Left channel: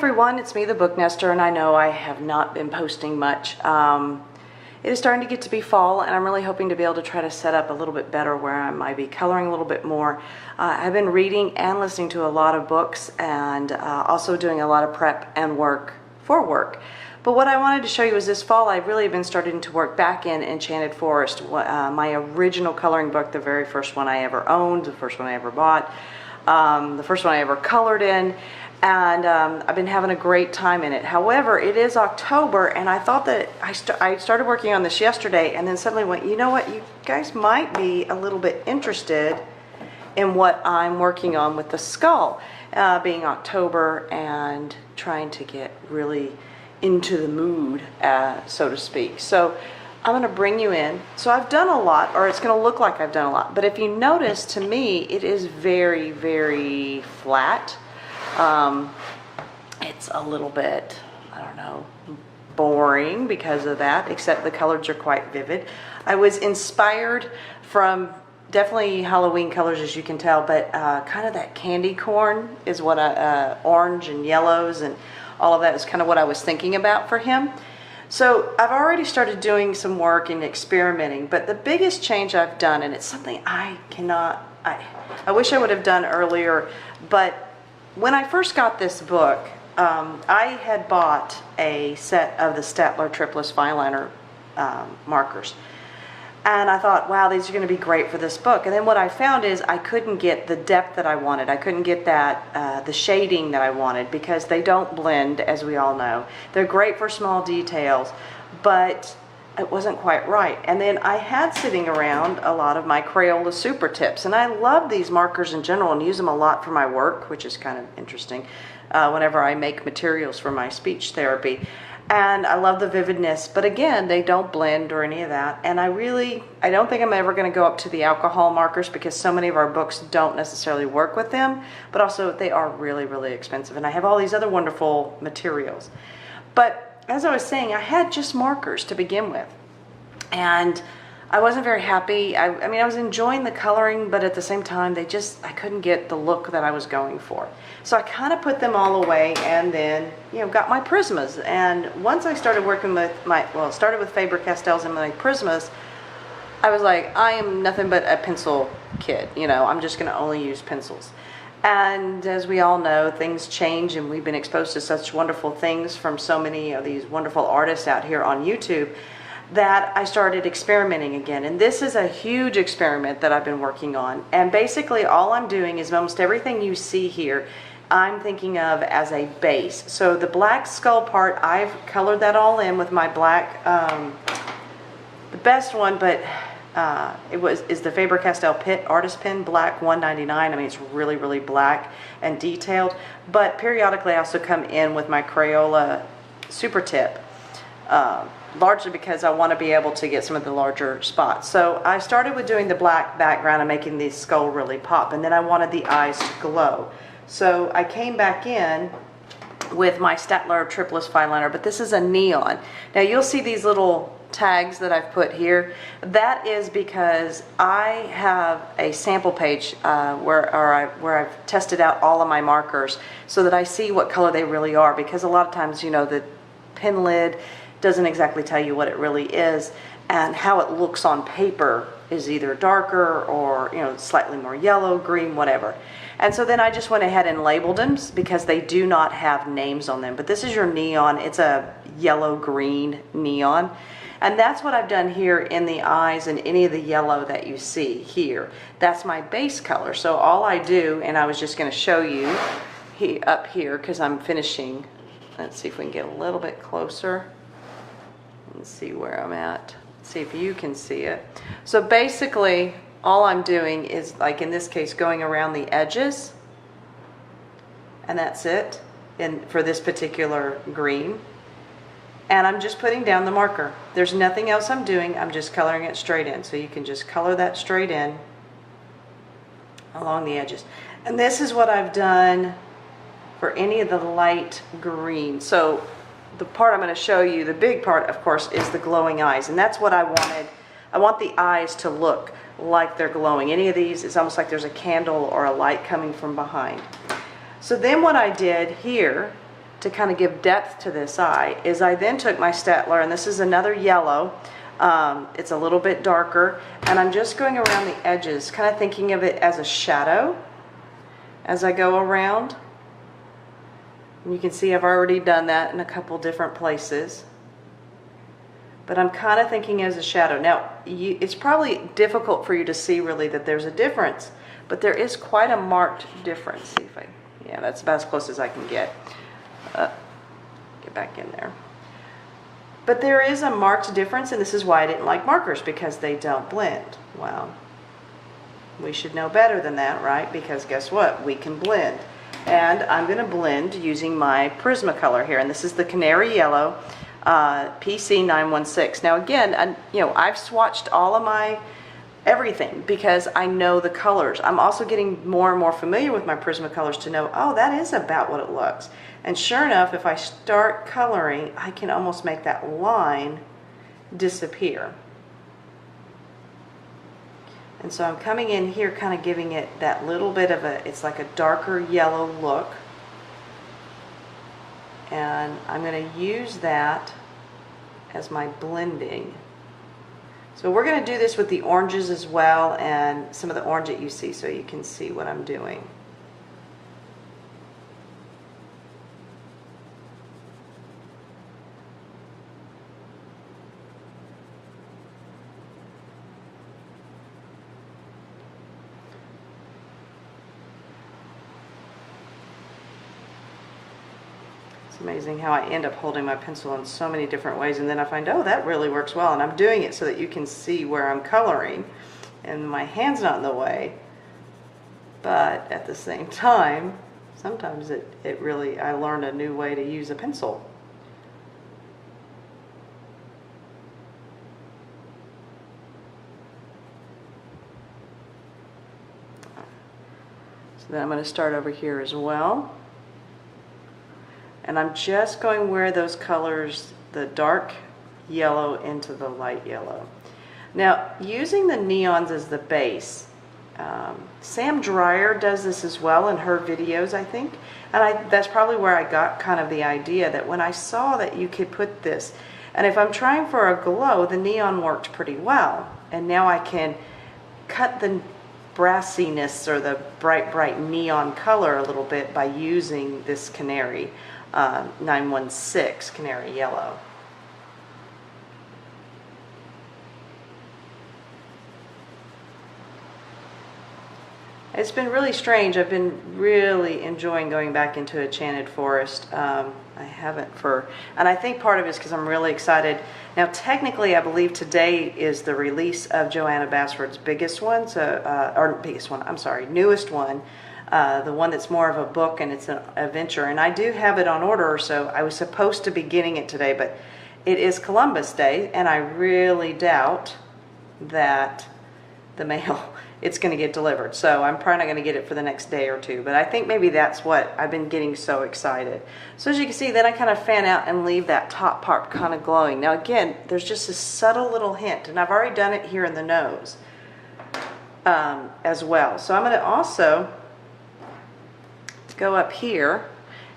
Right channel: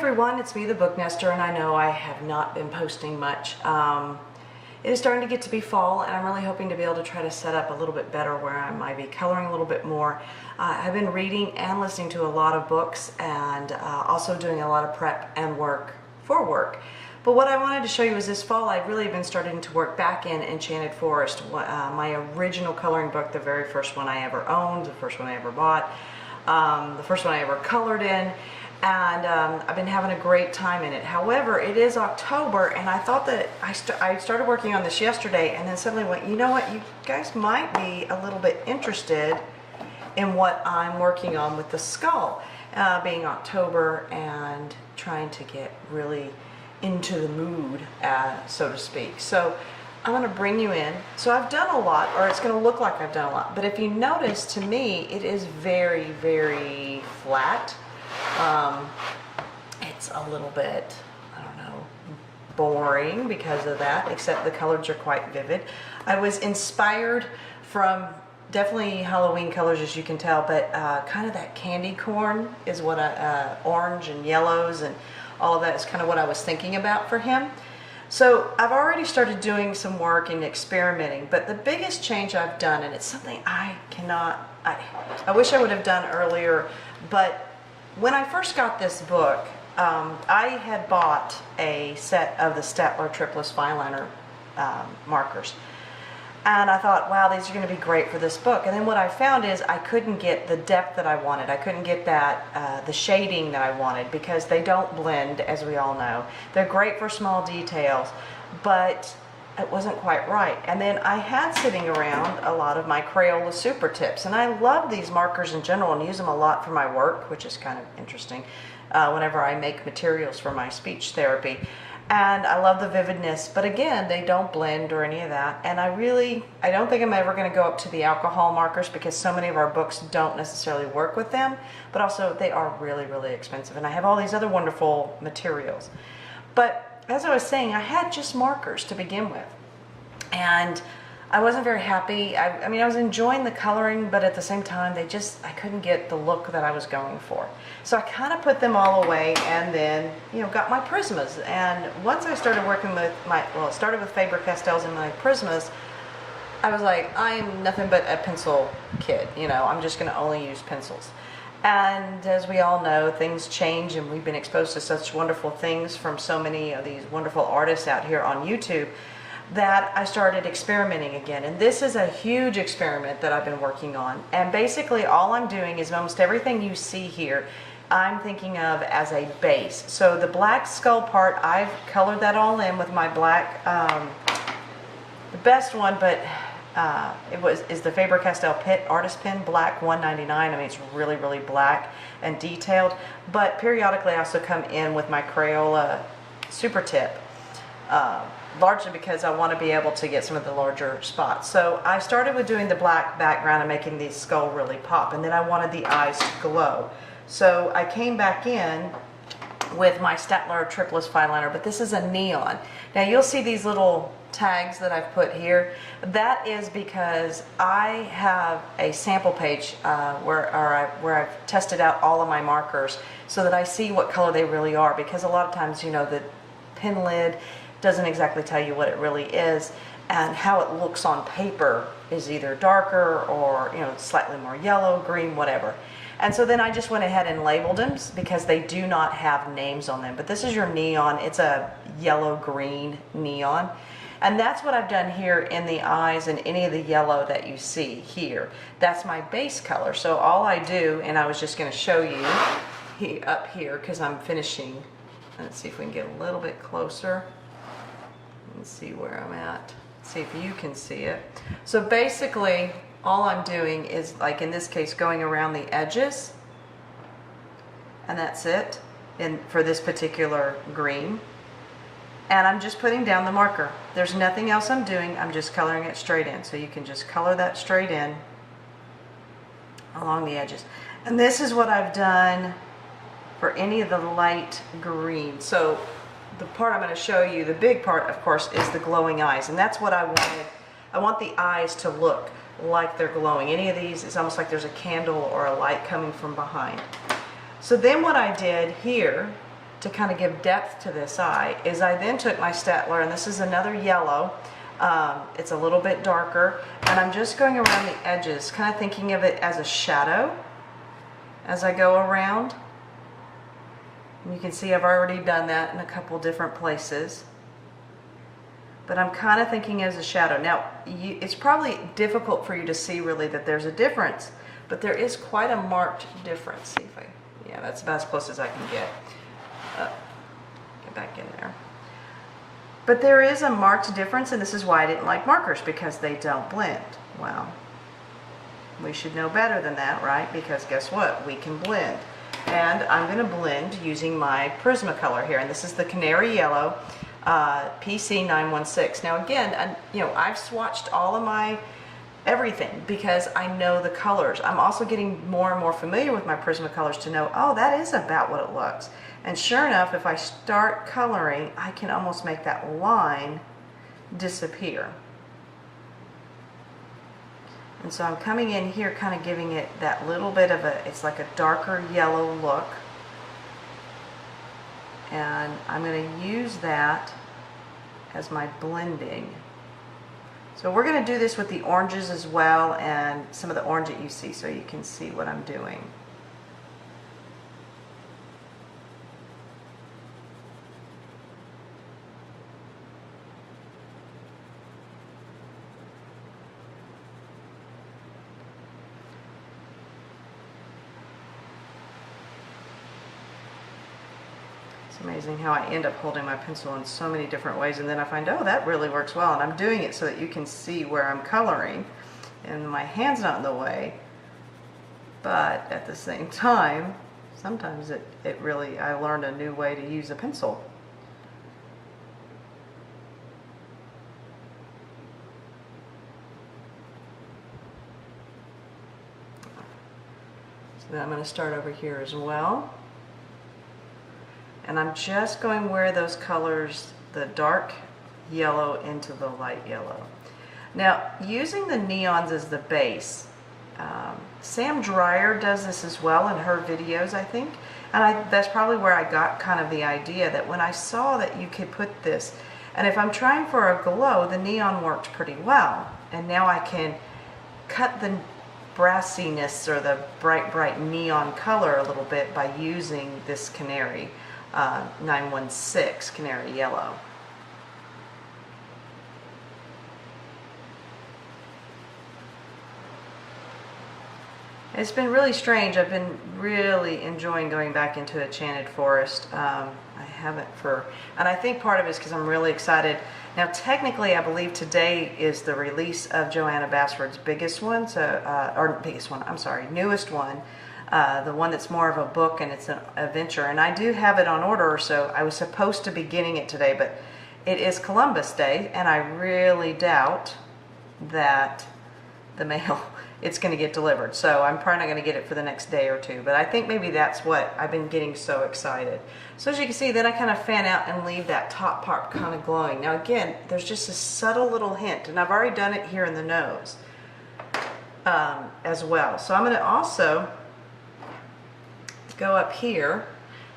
everyone, it's me, the Booknester, and I know I have not been posting much. It is starting to get to be fall, and I'm really hoping to be able to try to set up a little bit better where I might be coloring a little bit more. I've been reading and listening to a lot of books, and also doing a lot of prep and work for work. But what I wanted to show you is this fall I've really been starting to work back in Enchanted Forest, my original coloring book, the very first one I ever owned, the first one I ever bought, the first one I ever colored in. And I've been having a great time in it. However, it is October, and I thought that I started working on this yesterday, and then suddenly went, you know what, you guys might be a little bit interested in what I'm working on with the skull, being October and trying to get really into the mood, so to speak. So I'm going to bring you in. So I've done a lot, or it's going to look like I've done a lot, but if you notice, to me, it is very, very flat. It's a little bit, I don't know, boring because of that, except the colors are quite vivid. I was inspired from definitely Halloween colors, as you can tell, but kind of that candy corn is what orange and yellows and all of that is kind of what I was thinking about for him. So I've already started doing some work and experimenting, but the biggest change I've done, and it's something I wish I would have done earlier, but when I first got this book, I had bought a set of the Steadtler Triplus Fineliner markers. And I thought, wow, these are going to be great for this book. And then what I found is I couldn't get the depth that I wanted. I couldn't get that, the shading that I wanted, because they don't blend, as we all know. They're great for small details, but it wasn't quite right. And then I had sitting around a lot of my Crayola Supertips, and I love these markers in general and use them a lot for my work, which is kind of interesting whenever I make materials for my speech therapy. And I love the vividness, but again, they don't blend or any of that. And I don't think I'm ever going to go up to the alcohol markers, because so many of our books don't necessarily work with them, but also they are really, really expensive. And I have all these other wonderful materials. But as I was saying, I had just markers to begin with, and I wasn't very happy. I mean, I was enjoying the coloring, but at the same time, I couldn't get the look that I was going for. So I kind of put them all away, and then, got my Prismas. And once I started working with started with Faber-Castells and my Prismas, I was like, I am nothing but a pencil kid. I'm just going to only use pencils. And as we all know, things change, and we've been exposed to such wonderful things from so many of these wonderful artists out here on YouTube, that I started experimenting again. And this is a huge experiment that I've been working on. And basically all I'm doing is almost everything you see here, I'm thinking of as a base. So the black skull part, I've colored that all in with my black, the best one, but is the Faber-Castell Artist Pen Black 199. I mean, it's really, really black and detailed. But periodically I also come in with my Crayola Supertip, largely because I want to be able to get some of the larger spots. So I started with doing the black background and making the skull really pop, and then I wanted the eyes to glow. So I came back in with my Steadtler Triplus Fineliner, but this is a neon. Now you'll see these little tags that I've put here. That is because I have a sample page where I've tested out all of my markers so that I see what color they really are, because a lot of times, the pen lid doesn't exactly tell you what it really is, and how it looks on paper is either darker or slightly more yellow, green, whatever. And so then I just went ahead and labeled them, because they do not have names on them. But this is your neon. It's a yellow-green neon. And that's what I've done here in the eyes and any of the yellow that you see here. That's my base color. So all I do, and I was just going to show you up here, because I'm finishing. Let's see if we can get a little bit closer. Let's see where I'm at. See if you can see it. So basically, all I'm doing is, like in this case, going around the edges, and that's it for this particular green. And I'm just putting down the marker. There's nothing else I'm doing. I'm just coloring it straight in. So you can just color that straight in along the edges. And this is what I've done for any of the light green. So the part I'm going to show you, the big part, of course, is the glowing eyes. And that's what I wanted. I want the eyes to look like they're glowing. Any of these, it's almost like there's a candle or a light coming from behind. So then what I did here to kind of give depth to this eye is I then took my Steadtler, and this is another yellow. It's a little bit darker, and I'm just going around the edges, kind of thinking of it as a shadow as I go around. And you can see I've already done that in a couple different places. But I'm kind of thinking as a shadow. Now, it's probably difficult for you to see really that there's a difference, but there is quite a marked difference. See if yeah, that's about as close as I can get. Get back in there. But there is a marked difference, and this is why I didn't like markers, because they don't blend. Well, we should know better than that, right? Because guess what? We can blend. And I'm going to blend using my Prismacolor here, and this is the Canary Yellow PC 916. Now again, you know, I've swatched all of my everything because I know the colors. I'm also getting more and more familiar with my Prismacolors to know, oh, that is about what it looks. And sure enough, if I start coloring, I can almost make that line disappear. And so I'm coming in here kind of giving it that little bit of a, it's like a darker yellow look. And I'm going to use that as my blending. So we're going to do this with the oranges as well, and some of the orange that you see, so you can see what I'm doing. Amazing how I end up holding my pencil in so many different ways, and then I find, oh, that really works well, and I'm doing it so that you can see where I'm coloring and my hand's not in the way, but at the same time sometimes it really, I learned a new way to use a pencil. So then I'm going to start over here as well. And I'm just going where those colors, the dark yellow into the light yellow. Now, using the neons as the base, Sam Dreyer does this as well in her videos, I think. And that's probably where I got kind of the idea that when I saw that you could put this, and if I'm trying for a glow, the neon worked pretty well. And now I can cut the brassiness or the bright neon color a little bit by using this Canary 916 Canary Yellow. It's been really strange. I've been really enjoying going back into Enchanted Forest. I haven't and I think part of it is because I'm really excited. Now, technically, I believe today is the release of Johanna Basford's biggest one, newest one. The one that's more of a book and it's an adventure, and I do have it on order, so I was supposed to be getting it today, but it is Columbus Day and I really doubt that the mail it's going to get delivered, so I'm probably not going to get it for the next day or two, but I think maybe that's what I've been getting so excited. So as you can see, then I kind of fan out and leave that top part kind of glowing. Now again, there's just a subtle little hint, and I've already done it here in the nose as well. So I'm going to also go up here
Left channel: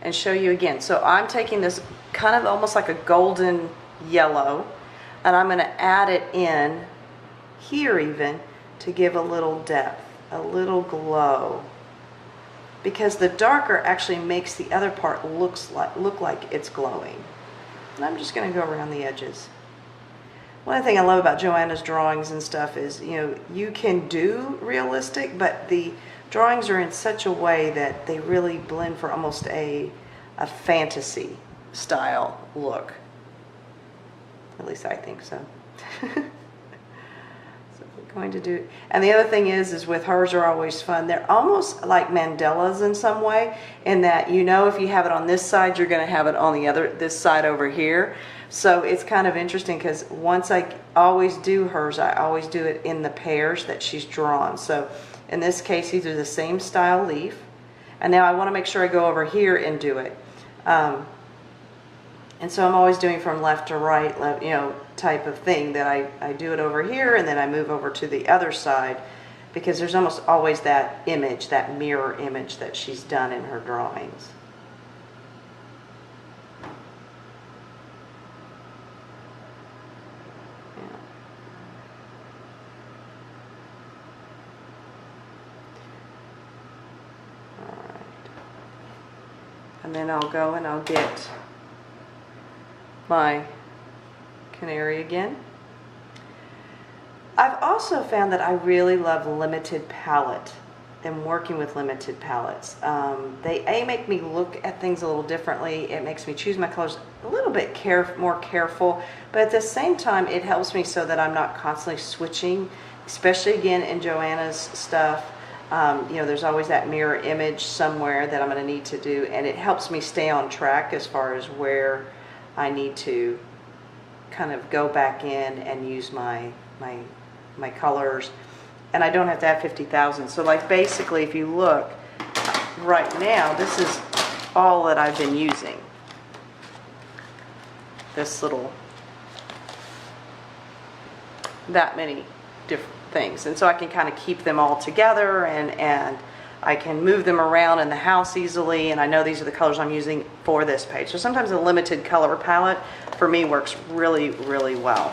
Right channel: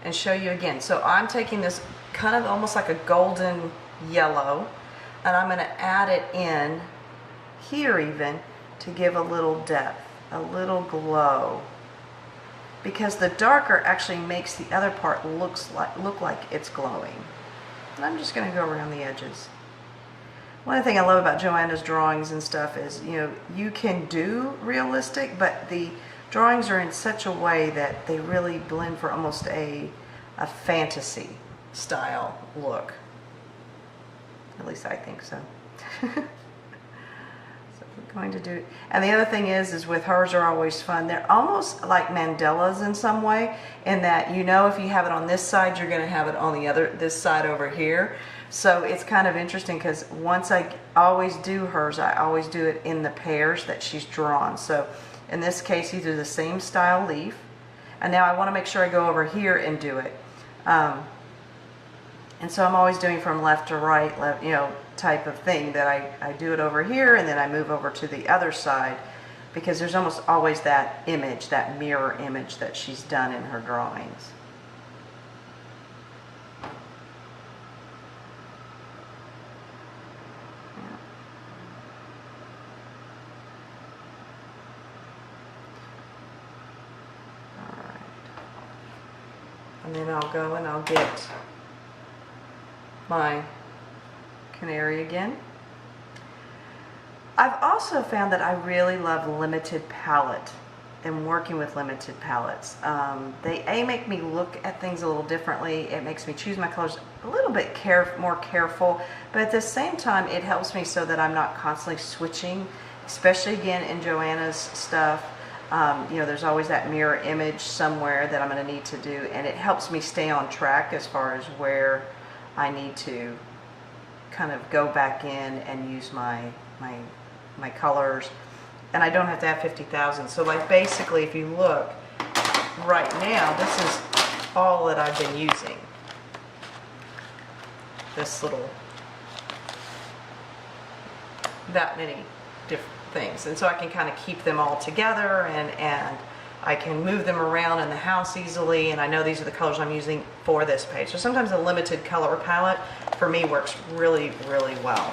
and show you again. So I'm taking this kind of almost like a golden yellow, and I'm going to add it in here even to give a little depth, a little glow, because the darker actually makes the other part look like it's glowing. And I'm just going to go around the edges. One thing I love about Johanna's drawings and stuff is, you know, you can do realistic, but the drawings are in such a way that they really blend for almost a fantasy style look. At least I think so. So we're going to do it. And the other thing is with hers are always fun. They're almost like mandalas in some way, in that, you know, if you have it on this side, you're going to have it on this side over here. So it's kind of interesting because once I always do hers, I always do it in the pairs that she's drawn. So in this case, these are the same style leaf. And now I want to make sure I go over here and do it. And so I'm always doing from left to right, left, you know, type of thing, that I do it over here and then I move over to the other side, because there's almost always that image, that mirror image that she's done in her drawings. And then I'll go and I'll get my canary again. I've also found that I really love limited palette and working with limited palettes. They make me look at things a little differently. It makes me choose my colors a little bit more careful, but at the same time it helps me so that I'm not constantly switching, especially again in Johanna's stuff. You know, there's always that mirror image somewhere that I'm going to need to do, and it helps me stay on track as far as where I need to kind of go back in and use my colors, and I don't have to have 50,000. So like basically if you look right now, this is all that I've been using, this little, that many different things, and so I can kind of keep them all together, and I can move them around in the house easily, and I know these are the colors I'm using for this page. So sometimes a limited color palette for me works really, really well.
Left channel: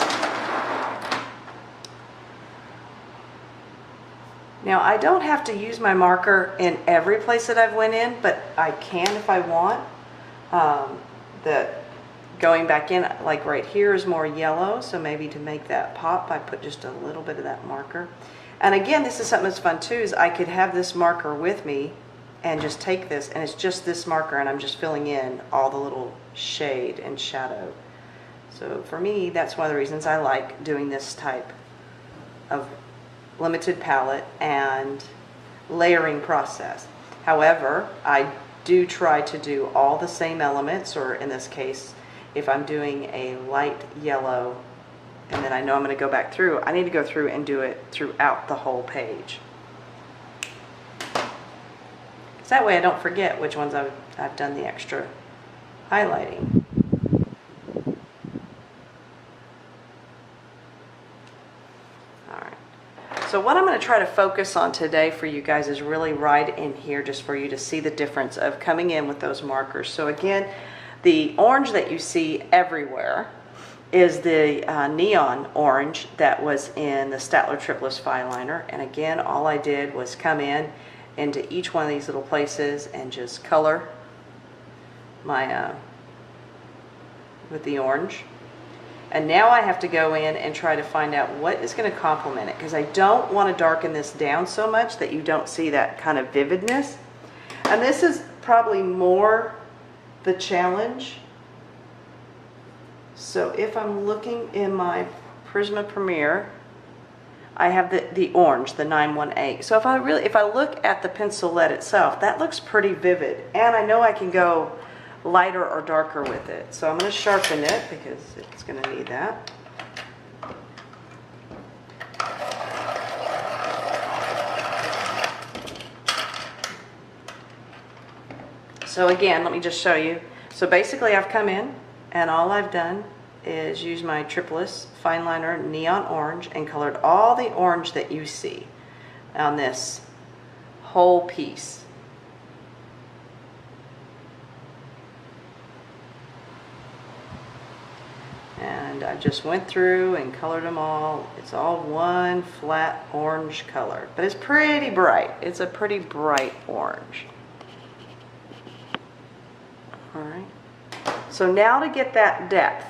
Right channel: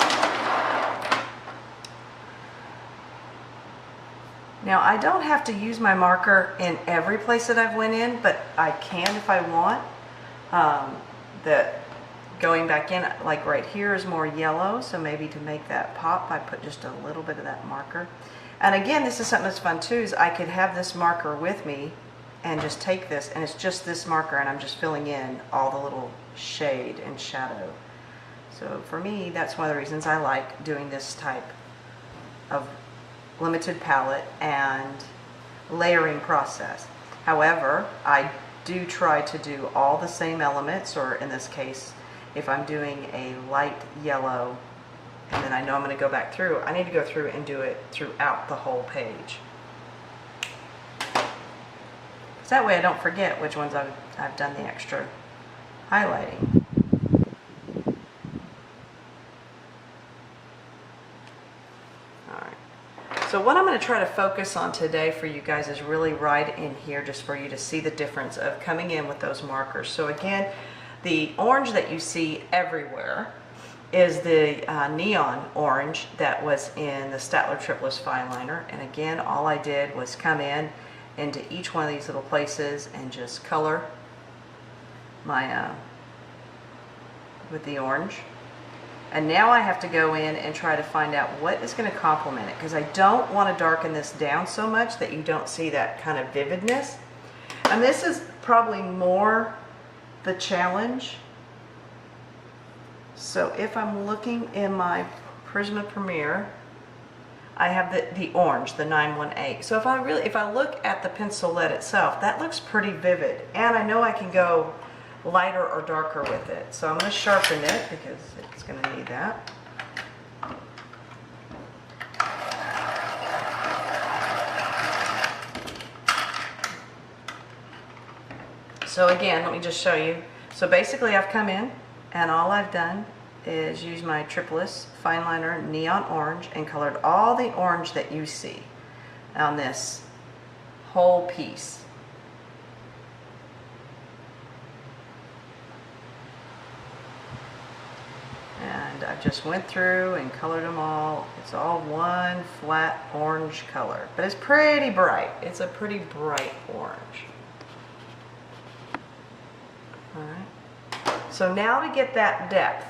Now I don't have to use my marker in every place that I've went in, but I can if I want. Going back in, like right here is more yellow, so maybe to make that pop I put just a little bit of that marker. And again, this is something that's fun too, is I could have this marker with me and just take this, and it's just this marker, and I'm just filling in all the little shade and shadow. So for me, that's one of the reasons I like doing this type of limited palette and layering process. However, I do try to do all the same elements, or in this case, if I'm doing a light yellow and then I know I'm going to go back through, I need to go through and do it throughout the whole page. That way I don't forget which ones I've done the extra highlighting. Alright, so what I'm going to try to focus on today for you guys is really right in here, just for you to see the difference of coming in with those markers. So again, the orange that you see everywhere is the neon orange that was in the Steadtler Triplus Fineliner. And again, all I did was come in into each one of these little places and just color my with the orange. And now I have to go in and try to find out what is going to complement it, because I don't want to darken this down so much that you don't see that kind of vividness. And this is probably more the challenge. So if I'm looking in my Prisma Premier, I have the orange, the 918. So if I look at the pencil lead itself, that looks pretty vivid, and I know I can go lighter or darker with it. So I'm going to sharpen it because it's going to need that. So again, let me just show you. So basically I've come in and all I've done is use my Triplus Fineliner Neon Orange and colored all the orange that you see on this whole piece. And I just went through and colored them all. It's all one flat orange color, but it's pretty bright. It's a pretty bright orange. Alright, so now to get that depth,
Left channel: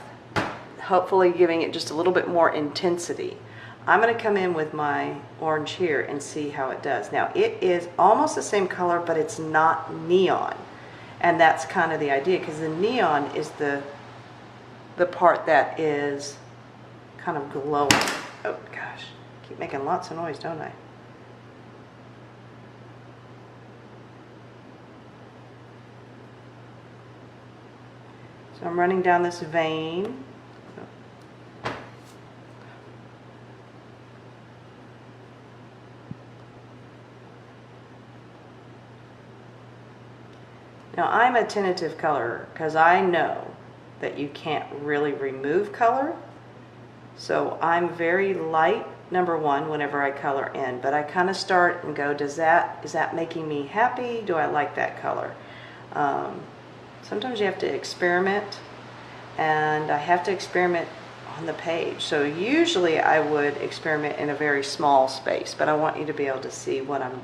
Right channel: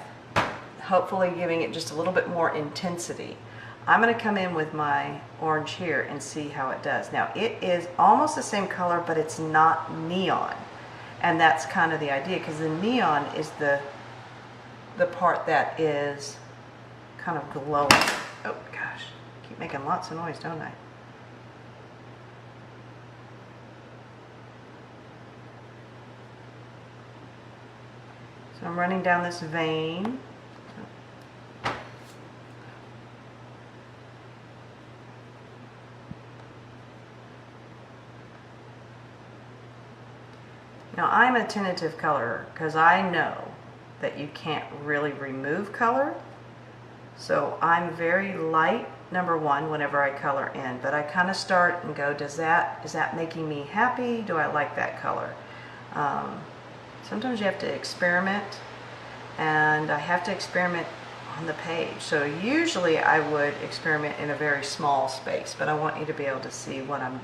hopefully giving it just a little bit more intensity, I'm going to come in with my orange here and see how it does. Now it is almost the same color, but it's not neon, and that's kind of the idea, because the neon is the part that is kind of glowing. Oh gosh, I keep making lots of noise, don't I? So I'm running down this vein. Now I'm a tentative colorer because I know that you can't really remove color. So I'm very light, number one, whenever I color in, but I kind of start and go, is that making me happy? Do I like that color? Sometimes you have to experiment, and I have to experiment on the page. So usually I would experiment in a very small space, but I want you to be able to see what I'm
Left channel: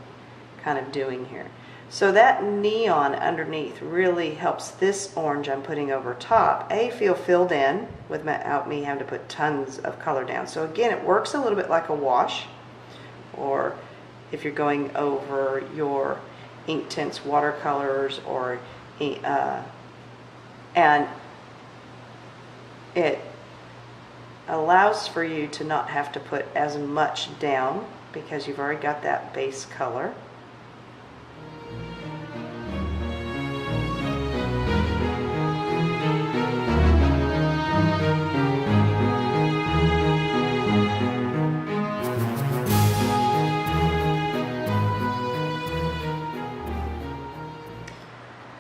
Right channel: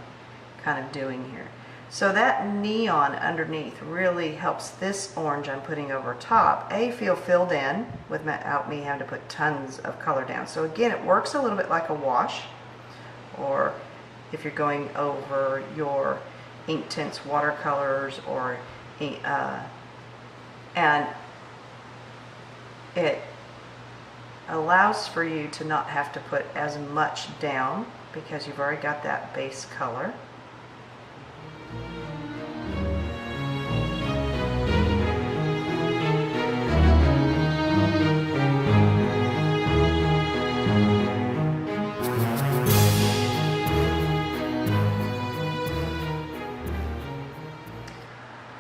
kind of doing here. So that neon underneath really helps this orange I'm putting over top, feel filled in without me having to put tons of color down. So again, it works a little bit like a wash, or if you're going over your Inktense watercolors, or and it allows for you to not have to put as much down because you've already got that base color.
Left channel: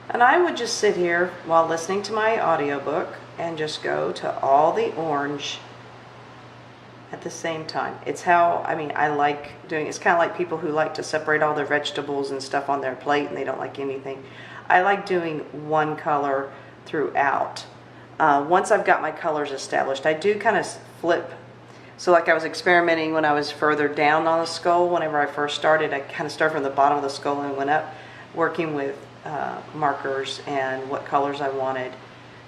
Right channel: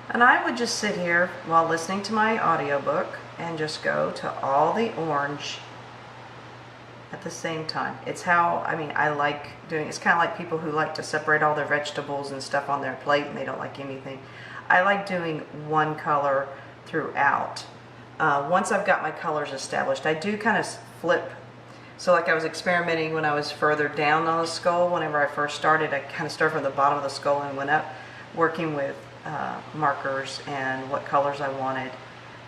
And I would just sit here while listening to my audiobook and just go to all the orange at the same time. It's how, I like doing, it's kind of like people who like to separate all their vegetables and stuff on their plate and they don't like anything. I like doing one color throughout. Once I've got my colors established, I do kind of flip. So like I was experimenting when I was further down on the skull. Whenever I first started, I kind of started from the bottom of the skull and went up, working with markers and what colors I wanted.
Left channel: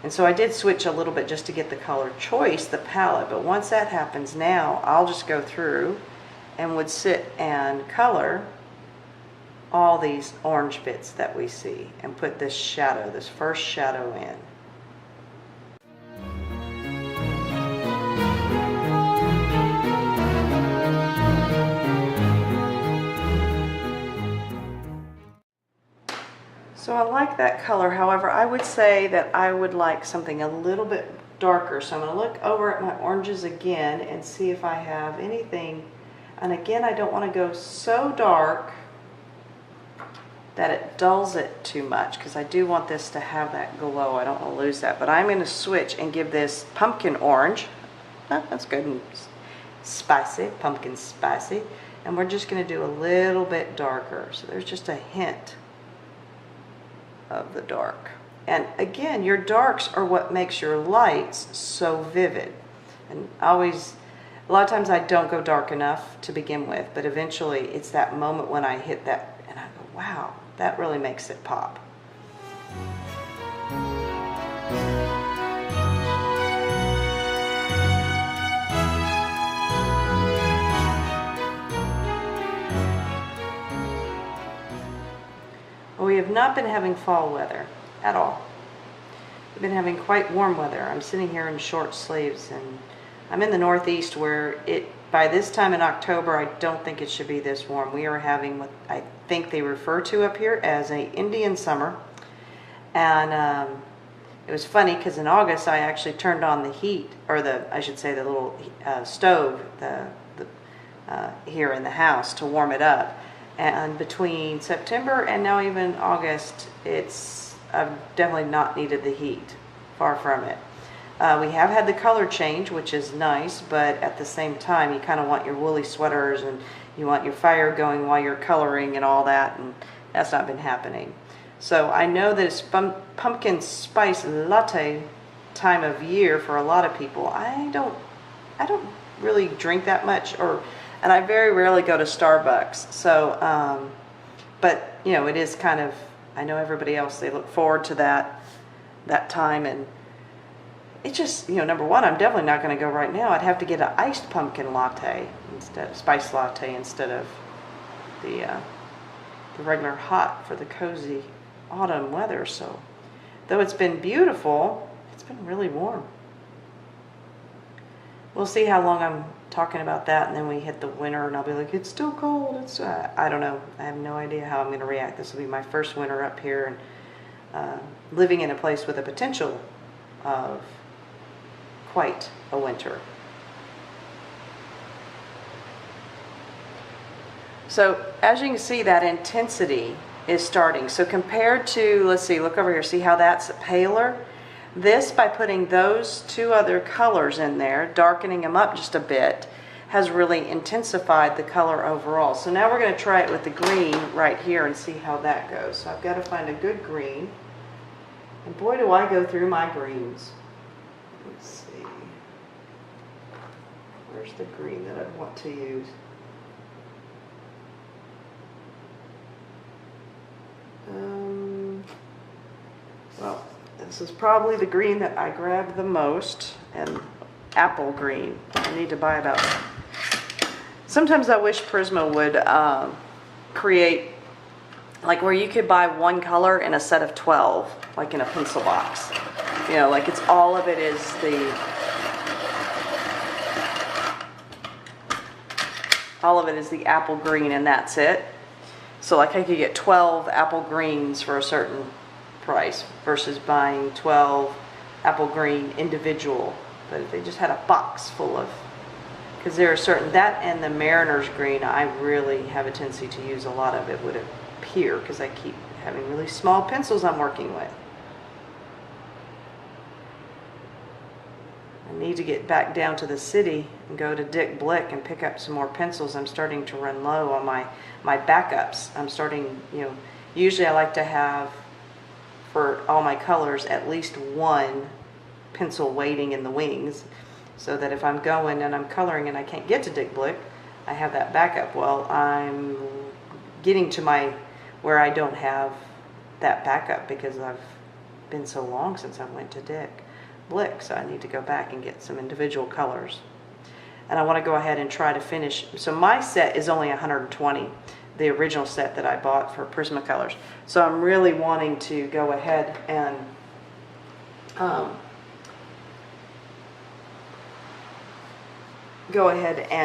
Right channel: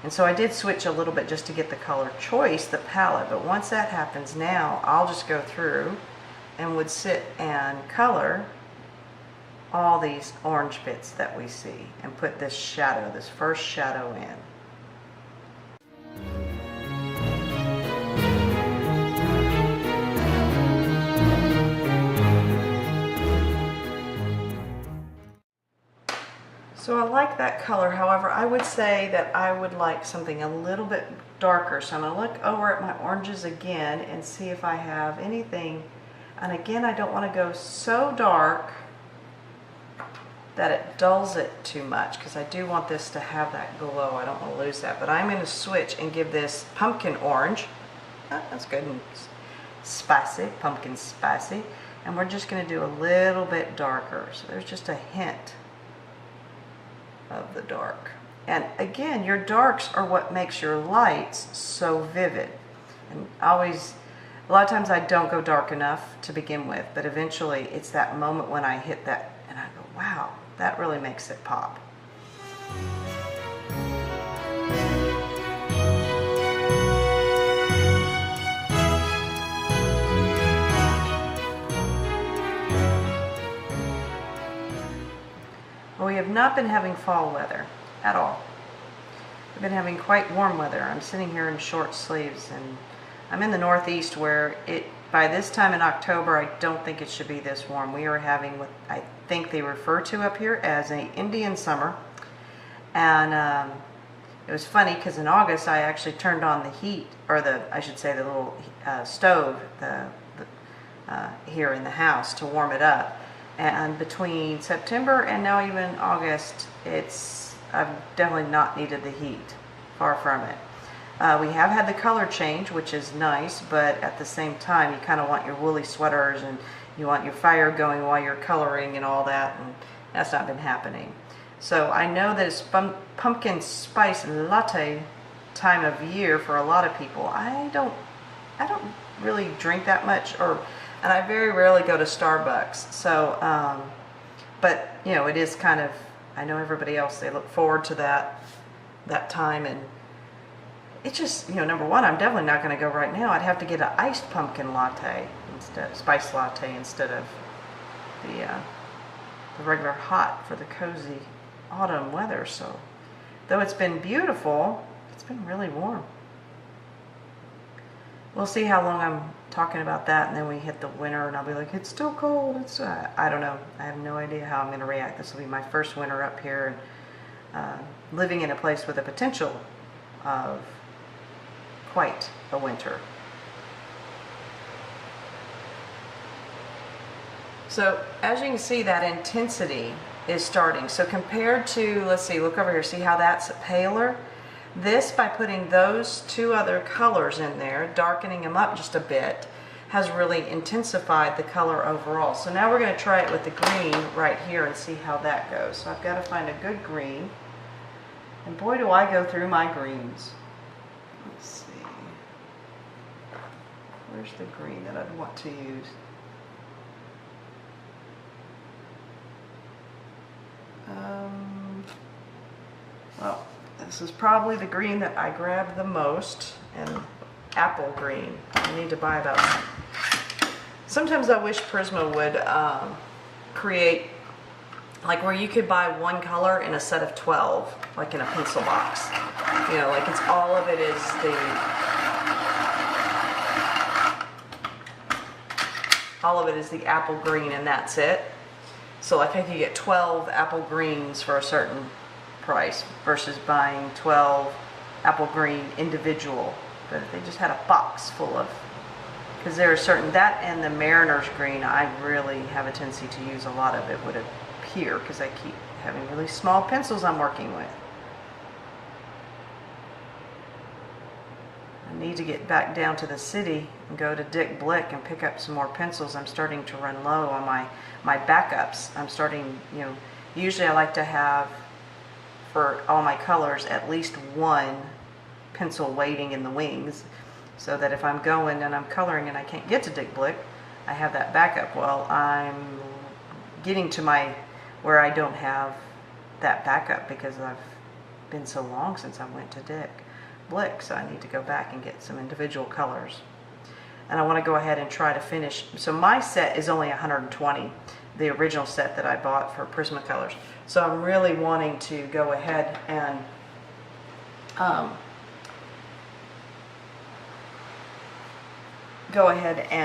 And so I did switch a little bit just to get the color choice, the palette. But once that happens now, I'll just go through and would sit and color all these orange bits that we see and put this shadow, this first shadow in. So I like that color. However, I would say that I would like something a little bit darker. So I'm going to look over at my oranges again and see if I have anything. And again, I don't want to go so dark that it dulls it too much, because I do want this to have that glow. I don't want to lose that. But I'm going to switch and give this pumpkin orange. That's good and spicy, pumpkin spicy. And we're just going to do a little bit darker. So there's just a hint of the dark. And again, your darks are what makes your lights so vivid. And always, a lot of times I don't go dark enough to begin with, but eventually it's that moment when I hit that and I go, wow, that really makes it pop. We have not been having fall weather at all. We've been having quite warm weather. I'm sitting here in short sleeves, and I'm in the Northeast where by this time in October, I don't think it should be this warm. We are having what I think they refer to up here as an Indian summer. And it was funny because in August I actually turned on the heat, or I should say the little stove here in the house to warm it up. And between September and now even August, I've definitely not needed the heat. Far from it. We have had the color change, which is nice, but at the same time, you kind of want your woolly sweaters and you want your fire going while you're coloring and all that, and that's not been happening. So I know that it's pumpkin spice latte time of year for a lot of people. I don't really drink that much, and I very rarely go to Starbucks. So, but you know, it is kind of, I know everybody else, they look forward to that time, and it just, you know, number one, I'm definitely not going to go right now. I'd have to get an iced pumpkin latte instead, spice latte instead of the regular hot for the cozy autumn weather. So, though it's been beautiful, it's been really warm. We'll see how long I'm talking about that, and then we hit the winter, and I'll be like, it's still cold. It's I don't know. I have no idea how I'm going to react. This will be my first winter up here, and living in a place with a potential of quite a winter. So as you can see, that intensity is starting. So compared to, let's see, look over here, see how that's paler? This, by putting those two other colors in there, darkening them up just a bit, has really intensified the color overall. So now we're going to try it with the green right here and see how that goes. So I've got to find a good green. And boy, do I go through my greens. Let's see. Where's the green that I'd want to use? Well, this is probably the green that I grabbed the most, and apple green. I need to buy about... Sometimes I wish Prisma would create, like where you could buy one color in a set of 12, like in a pencil box. You know, like it's all of it is the apple green, and that's it. So like I could get 12 apple greens for a certain price versus buying 12 apple green individual. But if they just had a box full of, because there are certain, that and the Mariner's green, I really have a tendency to use a lot of it would appear because I keep having really small pencils I'm working with. I need to get back down to the city and go to Dick Blick and pick up some more pencils. I'm starting to run low on my backups. I'm starting, you know, usually I like to have for all my colors at least one pencil waiting in the wings, so that if I'm going and I'm coloring and I can't get to Dick Blick, I have that backup. Well, I'm getting to where I don't have that backup because I've been so long since I went to Dick Blick, so I need to go back and get some individual colors. And I want to go ahead and try to finish. So my set is only 120, the original set that I bought for Prismacolors. So I'm really wanting to go ahead and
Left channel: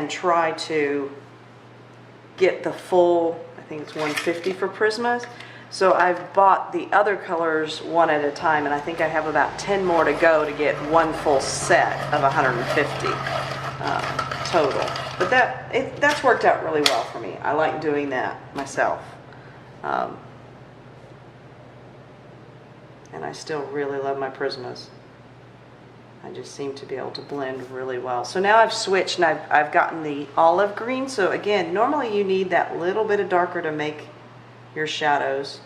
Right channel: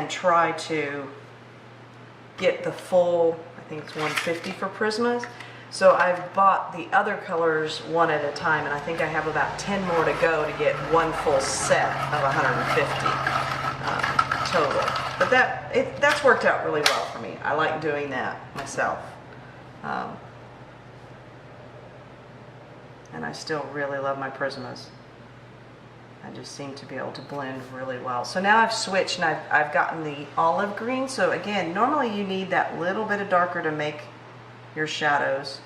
try to get the full, I think it's 150 for Prismas. So I've bought the other colors one at a time, and I think I have about 10 more to go to get one full set of 150 total. But that's worked out really well for me. I like doing that myself. And I still really love my Prismas. I just seem to be able to blend really well. So now I've switched and I've gotten the olive green. So again, normally you need that little bit of darker to make your shadows.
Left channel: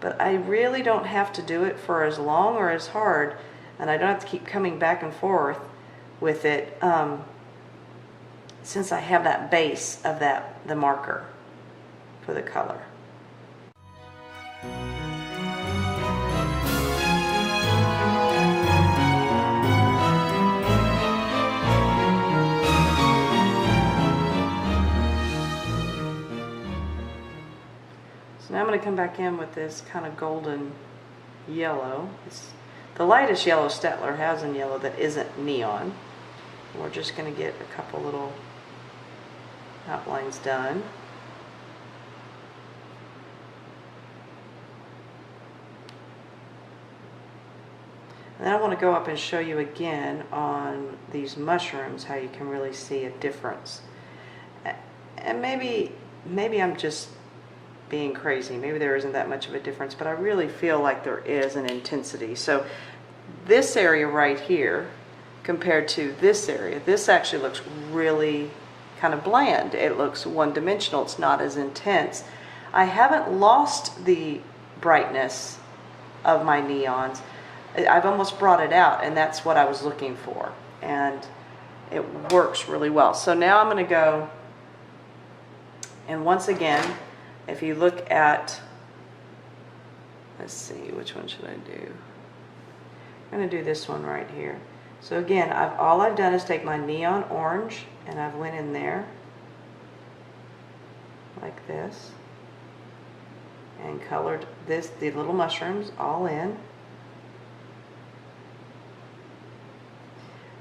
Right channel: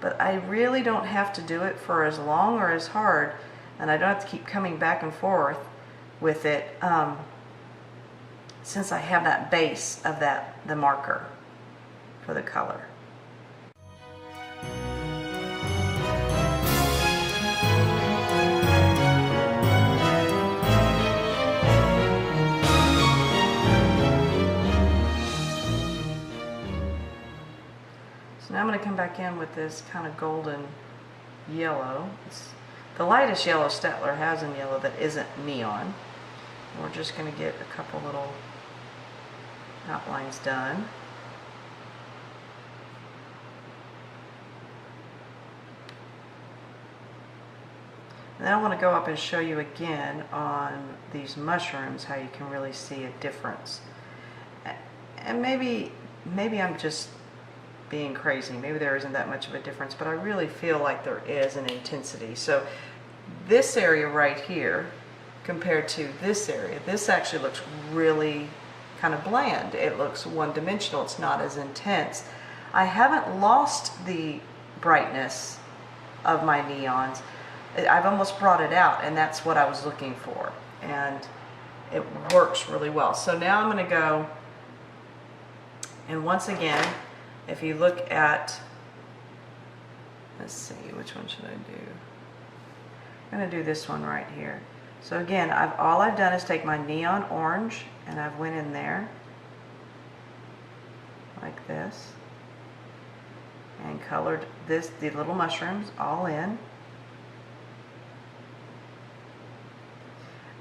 But I really don't have to do it for as long or as hard. And I don't have to keep coming back and forth with it since I have that base of the marker for the color. Now I'm going to come back in with this kind of golden yellow. It's the lightest yellow Steadtler has in yellow that isn't neon. We're just going to get a couple little outlines done. And then I want to go up and show you again on these mushrooms how you can really see a difference. And maybe I'm just being crazy. Maybe there isn't that much of a difference, but I really feel like there is an intensity. So this area right here compared to this area, this actually looks really kind of bland. It looks one-dimensional. It's not as intense. I haven't lost the brightness of my neons. I've almost brought it out, and that's what I was looking for, and it works really well. So now I'm going to go, and once again, if you look at, let's see, which one should I do? I'm going to do this one right here. So again, all I've done is take my neon orange and I've went in there like this and colored the little mushrooms all in.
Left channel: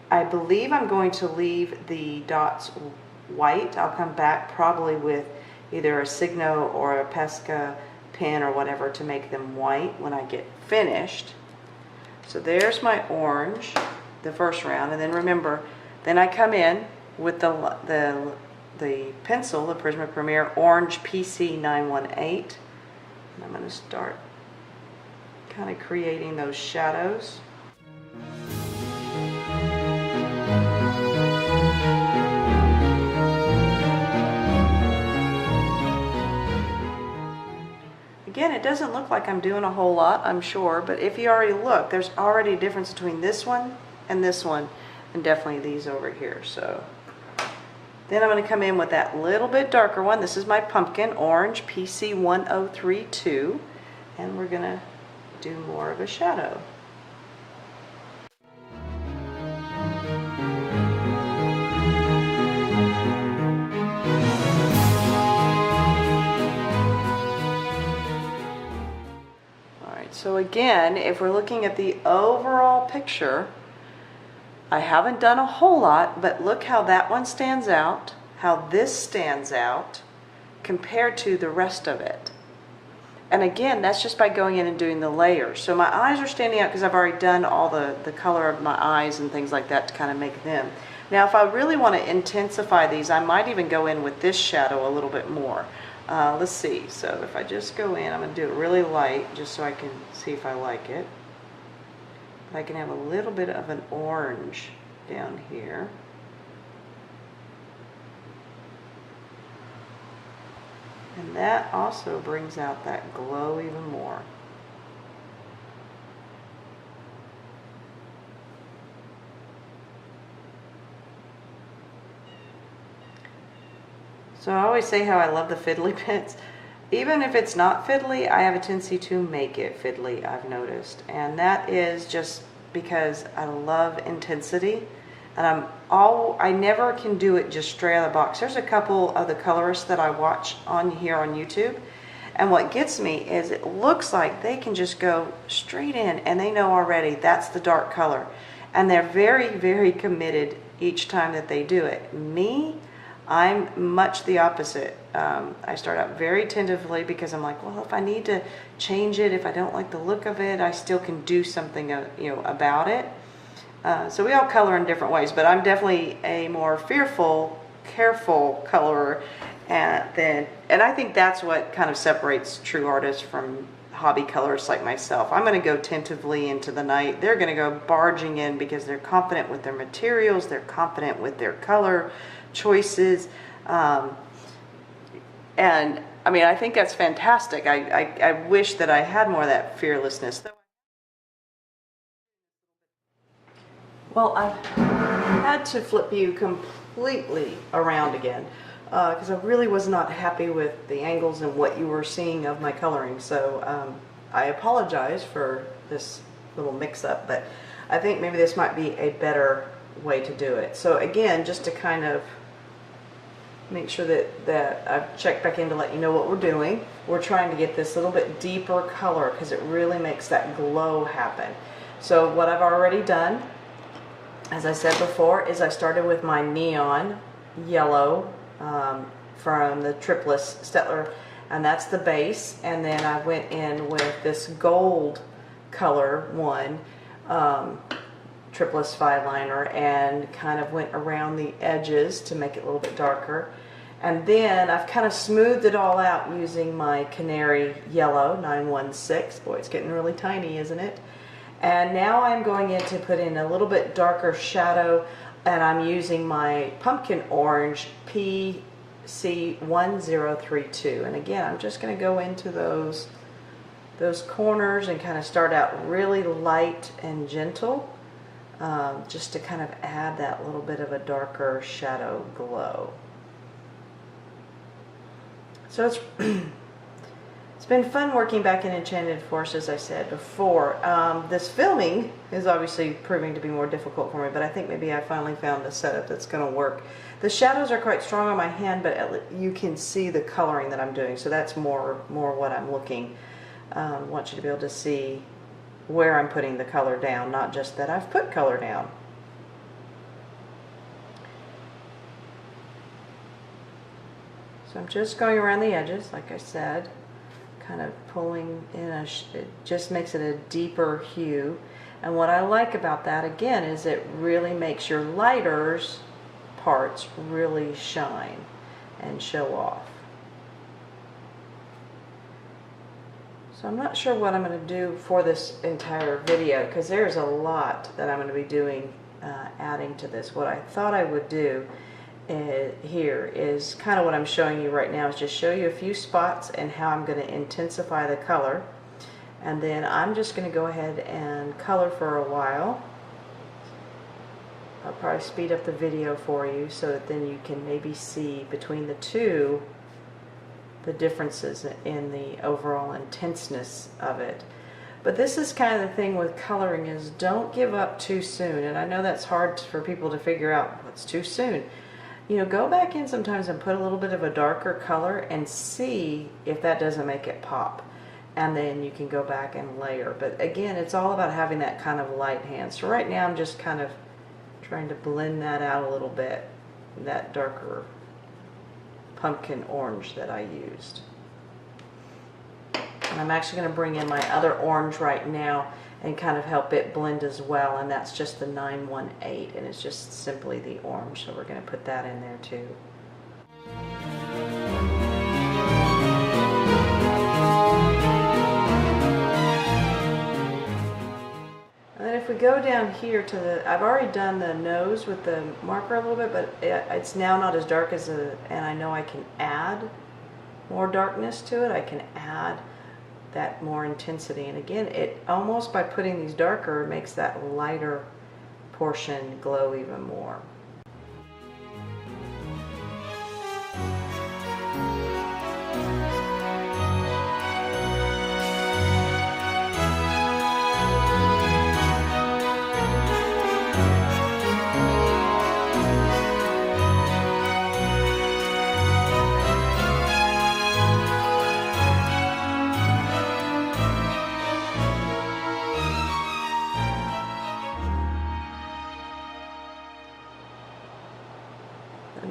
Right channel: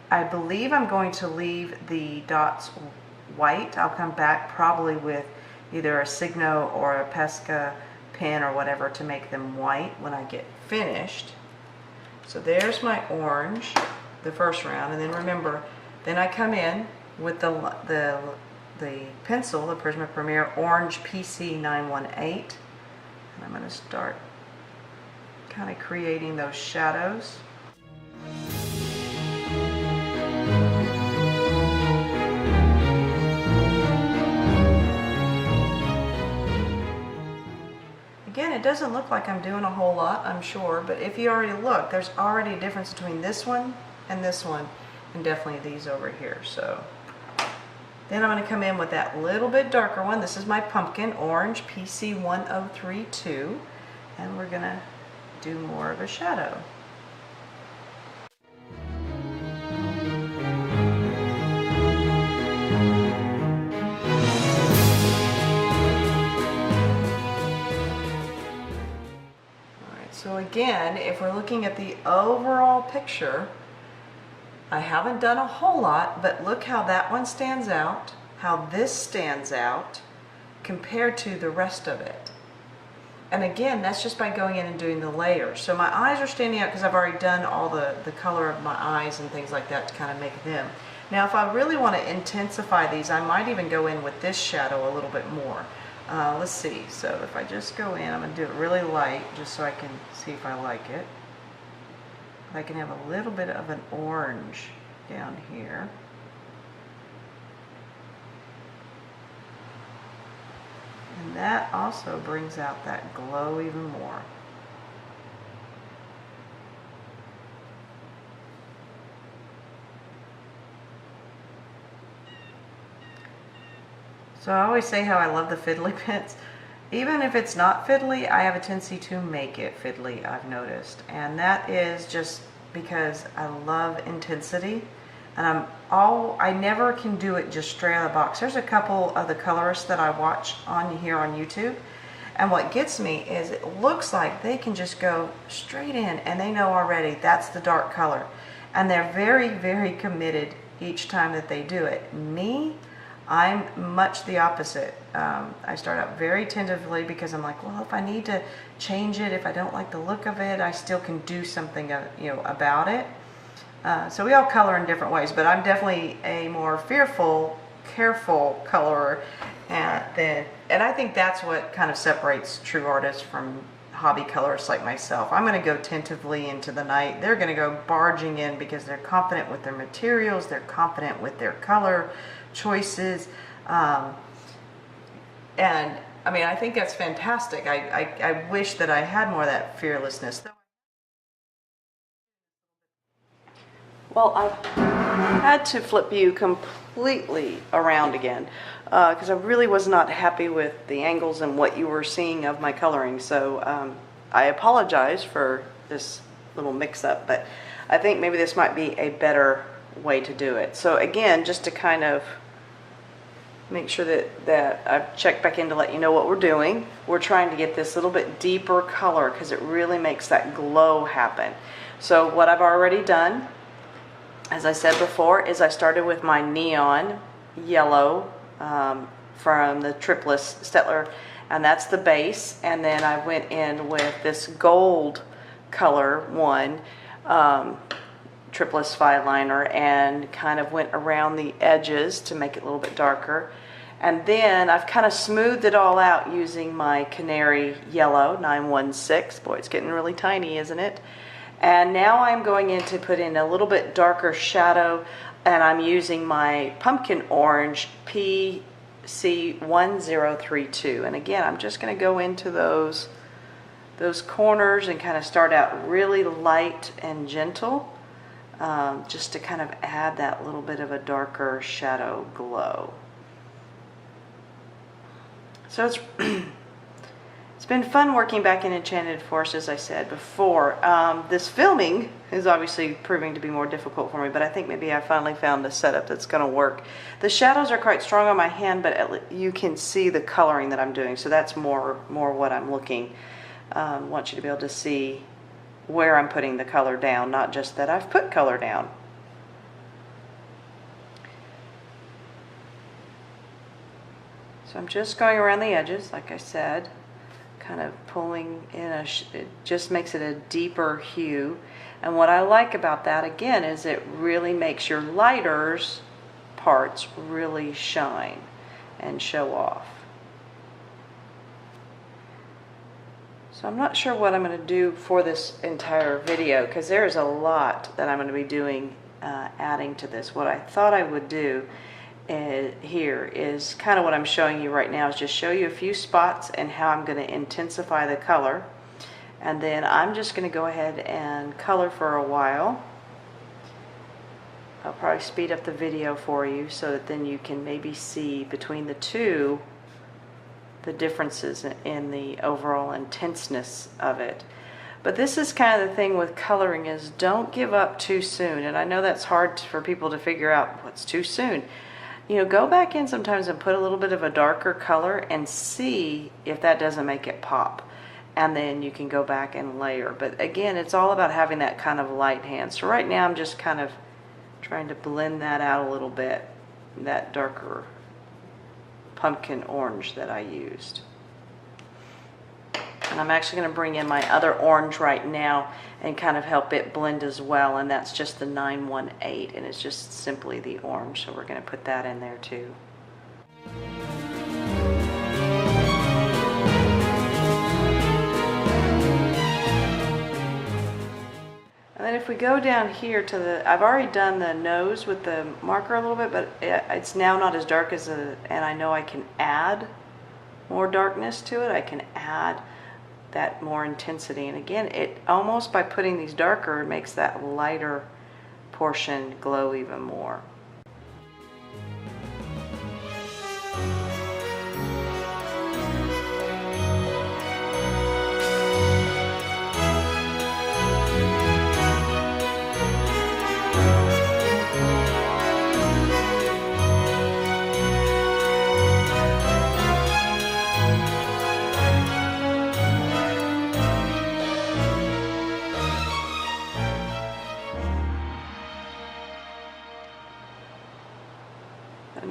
I believe I'm going to leave the dots white. I'll come back probably with either a Signo or a Pesca pen or whatever to make them white when I get finished. So there's my orange, the first round, and then remember, then I come in with the pencil, the Prisma Premier Orange PC918, and I'm going to start kind of creating those shadows. Again, it doesn't look like I'm doing a whole lot, I'm sure, but if you already look, there's already a difference between this one, and definitely these over here. So then I'm going to come in with that little bit darker one. This is my pumpkin orange PC1032, and we're going to do more of a shadow. So again, if we're looking at the overall picture, I haven't done a whole lot, but look how that one stands out, how this stands out compared to the rest of it. And again, that's just by going in and doing the layers. So my eyes are standing out because I've already done all the color of my eyes and things like that to kind of make them. Now if I really want to intensify these, I might even go in with this shadow a little bit more. Let's see, so if I just go in, I'm going to do it really light just so I can see if I like it. I can have a little bit of an orange down here. And that also brings out that glow even more. So I always say how I love the fiddly bits. Even if it's not fiddly, I have a tendency to make it fiddly, I've noticed. And that is just because I love intensity. And I never can do it just straight out of the box. There's a couple of the colorists that I watch on here on YouTube. And what gets me is it looks like they can just go straight in and they know already that's the dark color. And they're very, very committed each time that they do it. Me, I'm much the opposite. I start out very tentatively because I'm like, well, if I need to change it, if I don't like the look of it, I still can do something, about it. So we all color in different ways, but I'm definitely a more fearful, careful colorer, and I think that's what kind of separates true artists from hobby colorists like myself. I'm going to go tentatively into the night. They're going to go barging in because they're confident with their materials, they're confident with their color choices, and I mean, I think that's fantastic. I wish that I had more of that fearlessness. Well, I've had to flip you completely around again because I really was not happy with the angles and what you were seeing of my coloring. So I apologize for this little mix-up, but I think maybe this might be a better way to do it. So again, just to kind of make sure that I've checked back in to let you know what we're doing. We're trying to get this little bit deeper color because it really makes that glow happen. So what I've already done, as I said before, is I started with my neon yellow from the Triplus Steadtler, and that's the base, and then I went in with this gold color one, Triplus Fineliner, and kind of went around the edges to make it a little bit darker. And then I've kind of smoothed it all out using my Canary Yellow 916. Boy, it's getting really tiny, isn't it? And now I'm going in to put in a little bit darker shadow, and I'm using my Pumpkin Orange PC1032. And again, I'm just going to go into those corners and kind of start out really light and gentle, just to kind of add that little bit of a darker shadow glow. So it's been fun working back in Enchanted Forest, as I said before. This filming is obviously proving to be more difficult for me, but I think maybe I finally found a setup that's going to work. The shadows are quite strong on my hand, but you can see the coloring that I'm doing, so that's more what I'm looking. I want you to be able to see where I'm putting the color down, not just that I've put color down. So I'm just going around the edges, like I said, kind of pulling in it just makes it a deeper hue. And what I like about that, again, is it really makes your lighters parts really shine and show off. So I'm not sure what I'm going to do for this entire video because there's a lot that I'm going to be doing, adding to this. What I thought I would do here is kind of what I'm showing you right now, is just show you a few spots and how I'm going to intensify the color, and then I'm just going to go ahead and color for a while. I'll probably speed up the video for you so that then you can maybe see between the two the differences in the overall intenseness of it. But this is kind of the thing with coloring, is don't give up too soon. And I know that's hard for people to figure out what's too soon. You know, go back in sometimes and put a little bit of a darker color and see if that doesn't make it pop. And then you can go back and layer. But again, it's all about having that kind of light hand. So right now I'm just kind of trying to blend that out a little bit, that darker pumpkin orange that I used. And I'm actually going to bring in my other orange right now and kind of help it blend as well, and that's just the 918, and it's just simply the orange, so we're going to put that in there too. And then if we go down here to the, I've already done the nose with the marker a little bit, but it's now not as dark as and I know I can add more darkness to it. I can add that more intensity, and again, it almost, by putting these darker, makes that lighter portion glow even more.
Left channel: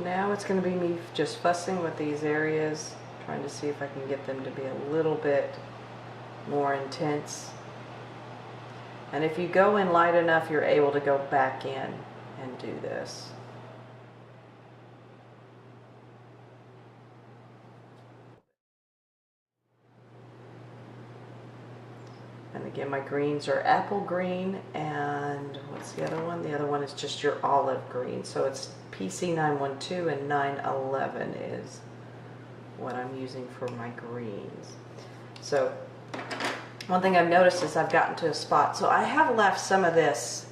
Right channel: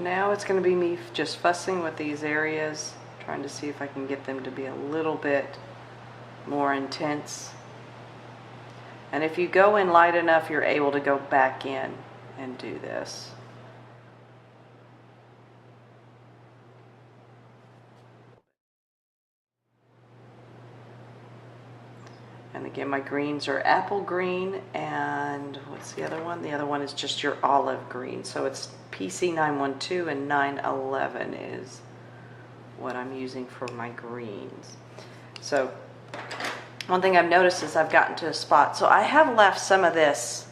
Now it's going to be me just fussing with these areas, trying to see if I can get them to be a little bit more intense. And if you go in light enough, you're able to go back in and do this. And again, my greens are apple green, and what's the other one? The other one is just your olive green. So it's PC 912 and 911 is what I'm using for my greens. So one thing I've noticed is I've gotten to a spot. So I have left some of this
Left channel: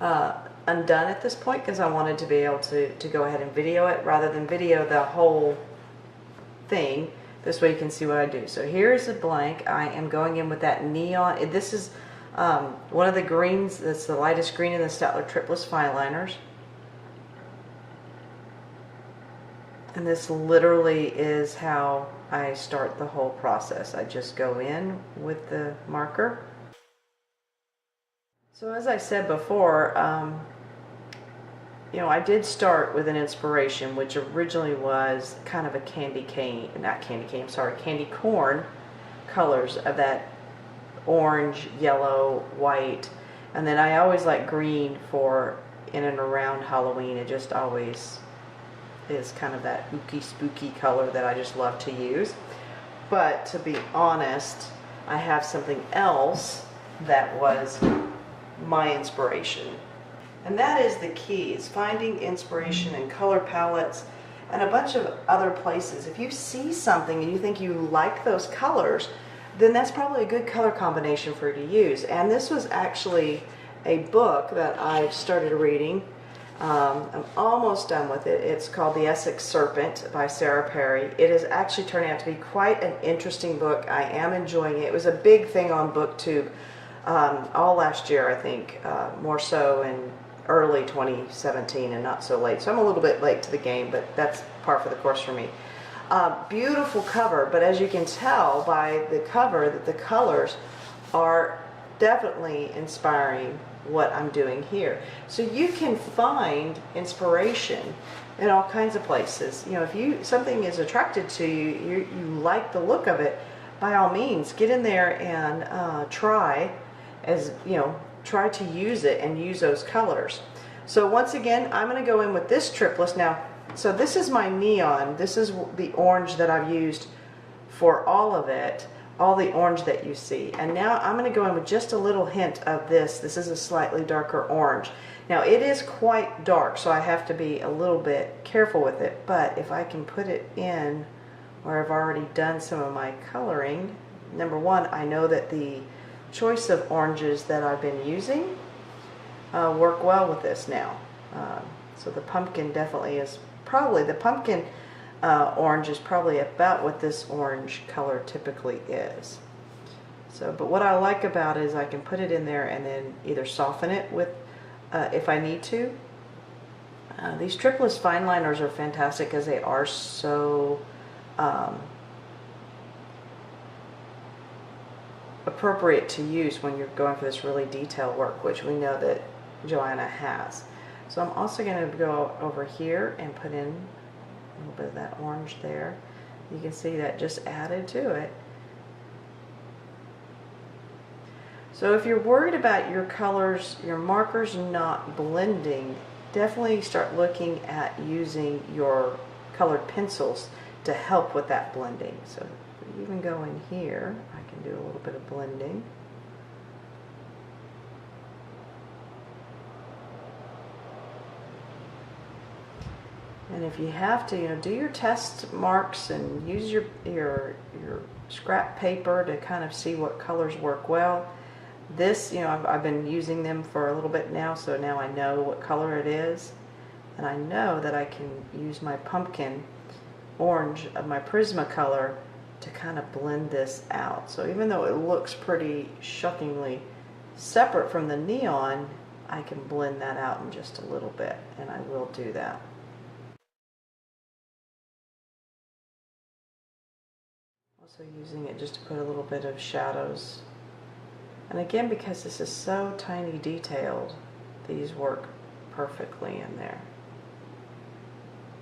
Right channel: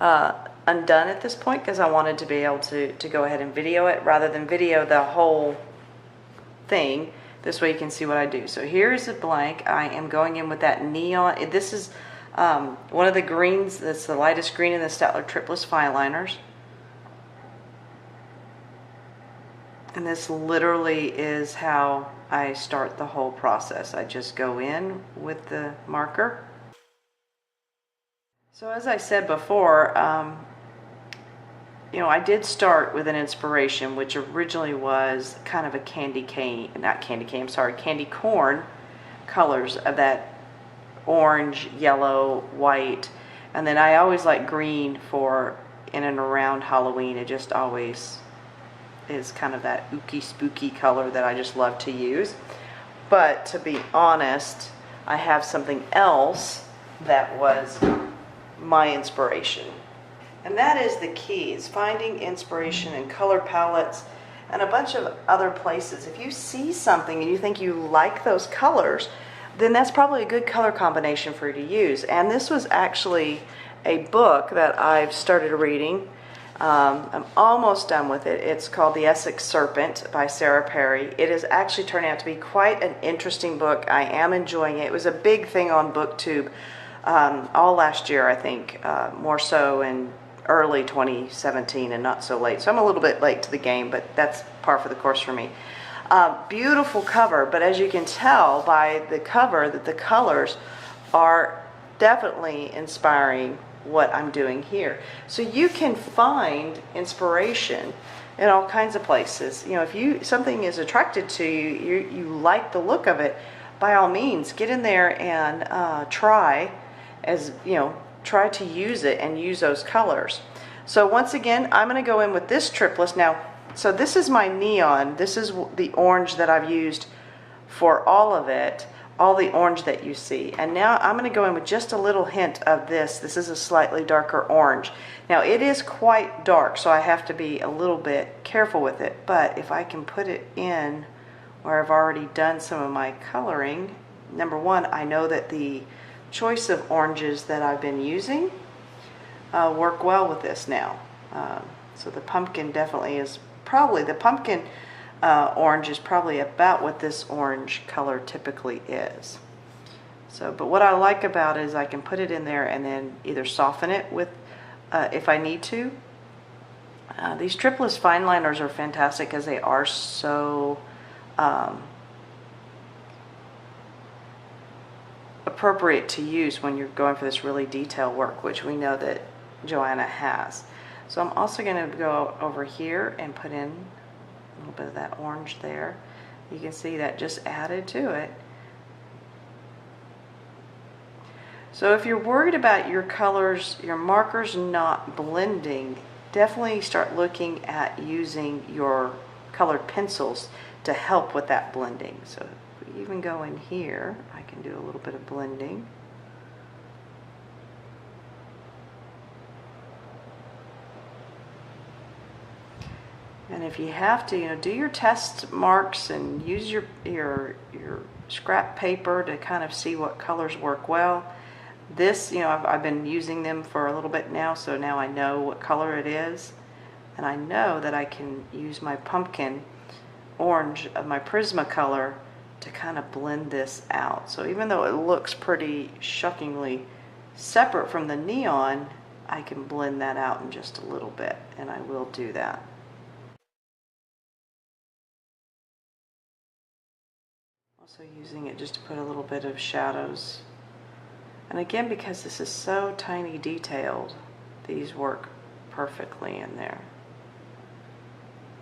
undone at this point because I wanted to be able to go ahead and video it rather than video the whole thing. This way you can see what I do. So here's a blank. I am going in with that neon. This is one of the greens. That's the lightest green in the Steadtler Triplus Fineliners. And this literally is how I start the whole process. I just go in with the marker. So as I said before, you know, I did start with an inspiration, which originally was kind of a candy corn colors of that orange, yellow, white. And then I always like green for in and around Halloween. It just always is kind of that ooky spooky color that I just love to use. But to be honest, I have something else that was my inspiration. And that is the key, is finding inspiration in color palettes and a bunch of other places. If you see something and you think you like those colors, then that's probably a good color combination for you to use. And this was actually a book that I've started reading. I'm almost done with it. It's called The Essex Serpent by Sarah Perry. It is actually turning out to be quite an interesting book. I am enjoying it. It was a big thing on BookTube all last year, I think, more so in early 2017 and not so late. So I'm a little bit late to the game, but that's par for the course for me. Beautiful cover, but as you can tell by the cover that the colors are definitely inspiring what I'm doing here. So you can find inspiration in all kinds of places. You know, if something is attracted to you, you like the look of it, by all means get in there and try to use it and use those colors. So once again, I'm going to go in with this Triplus. Now, so this is my neon. This is the orange that I've used for all of it, all the orange that you see. And now I'm going to go in with just a little hint of this. This is a slightly darker orange. Now it is quite dark, so I have to be a little bit careful with it. But if I can put it in where I've already done some of my coloring, number one, I know that the choice of oranges that I've been using work well with this now. So the pumpkin definitely is probably, the pumpkin orange is probably about what this orange color typically is. So, but what I like about it is I can put it in there and then either soften it with, if I need to. These Triplus Fineliners are fantastic because they are so appropriate to use when you're going for this really detailed work, which we know that Johanna has. So I'm also going to go over here and put in a little bit of that orange there. You can see that just added to it. So if you're worried about your colors, your markers not blending, definitely start looking at using your colored pencils to help with that blending. So if we even go in here, I can do a little bit of blending. And if you have to, do your test marks and use your scrap paper to kind of see what colors work well. This, I've been using them for a little bit now, so now I know what color it is. And I know that I can use my pumpkin orange of my Prismacolor to kind of blend this out. So even though it looks pretty shockingly separate from the neon, I can blend that out in just a little bit, and I will do that. Also using it just to put a little bit of shadows. And again, because this is so tiny detailed, these work perfectly in there.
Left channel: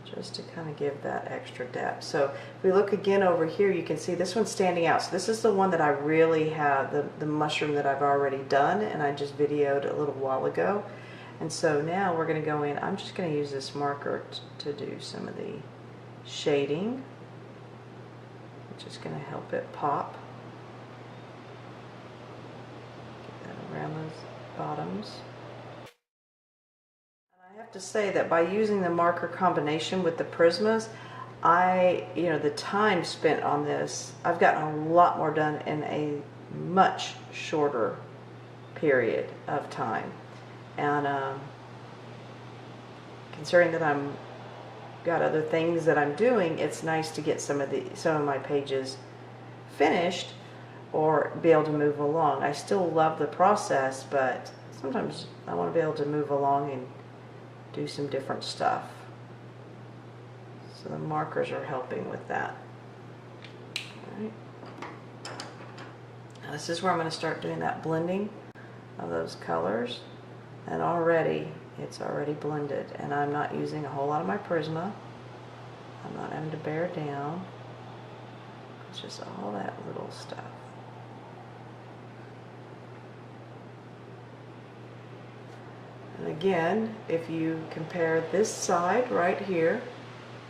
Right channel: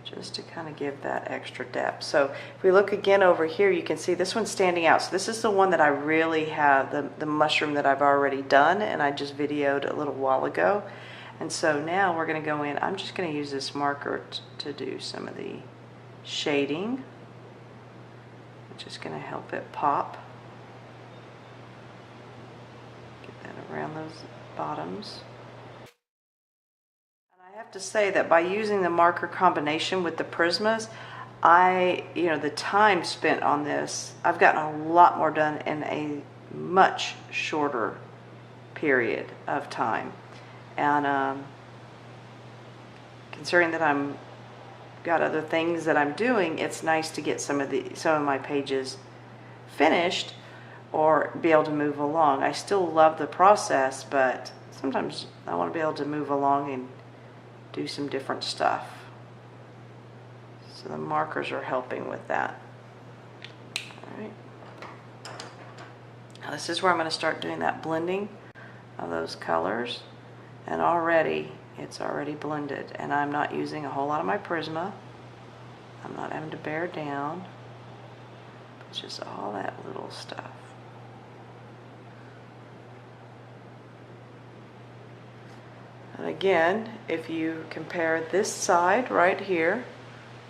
Just to kind of give that extra depth. So if we look again over here, you can see this one's standing out. So this is the one that I really have, the mushroom that I've already done, and I just videoed a little while ago. And so now we're going to go in. I'm just going to use this marker to do some of the shading, which is going to help it pop. Around those bottoms. And I have to say that by using the marker combination with the Prismas, the time spent on this, I've gotten a lot more done in a much shorter period of time. And considering that I'm got other things that I'm doing, it's nice to get some of my pages finished or be able to move along. I still love the process, but sometimes I want to be able to move along and do some different stuff. So the markers are helping with that. All right. Now this is where I'm going to start doing that blending of those colors. And already, it's already blended. And I'm not using a whole lot of my Prisma. I'm not having to bear down. It's just all that little stuff. And again, if you compare this side right here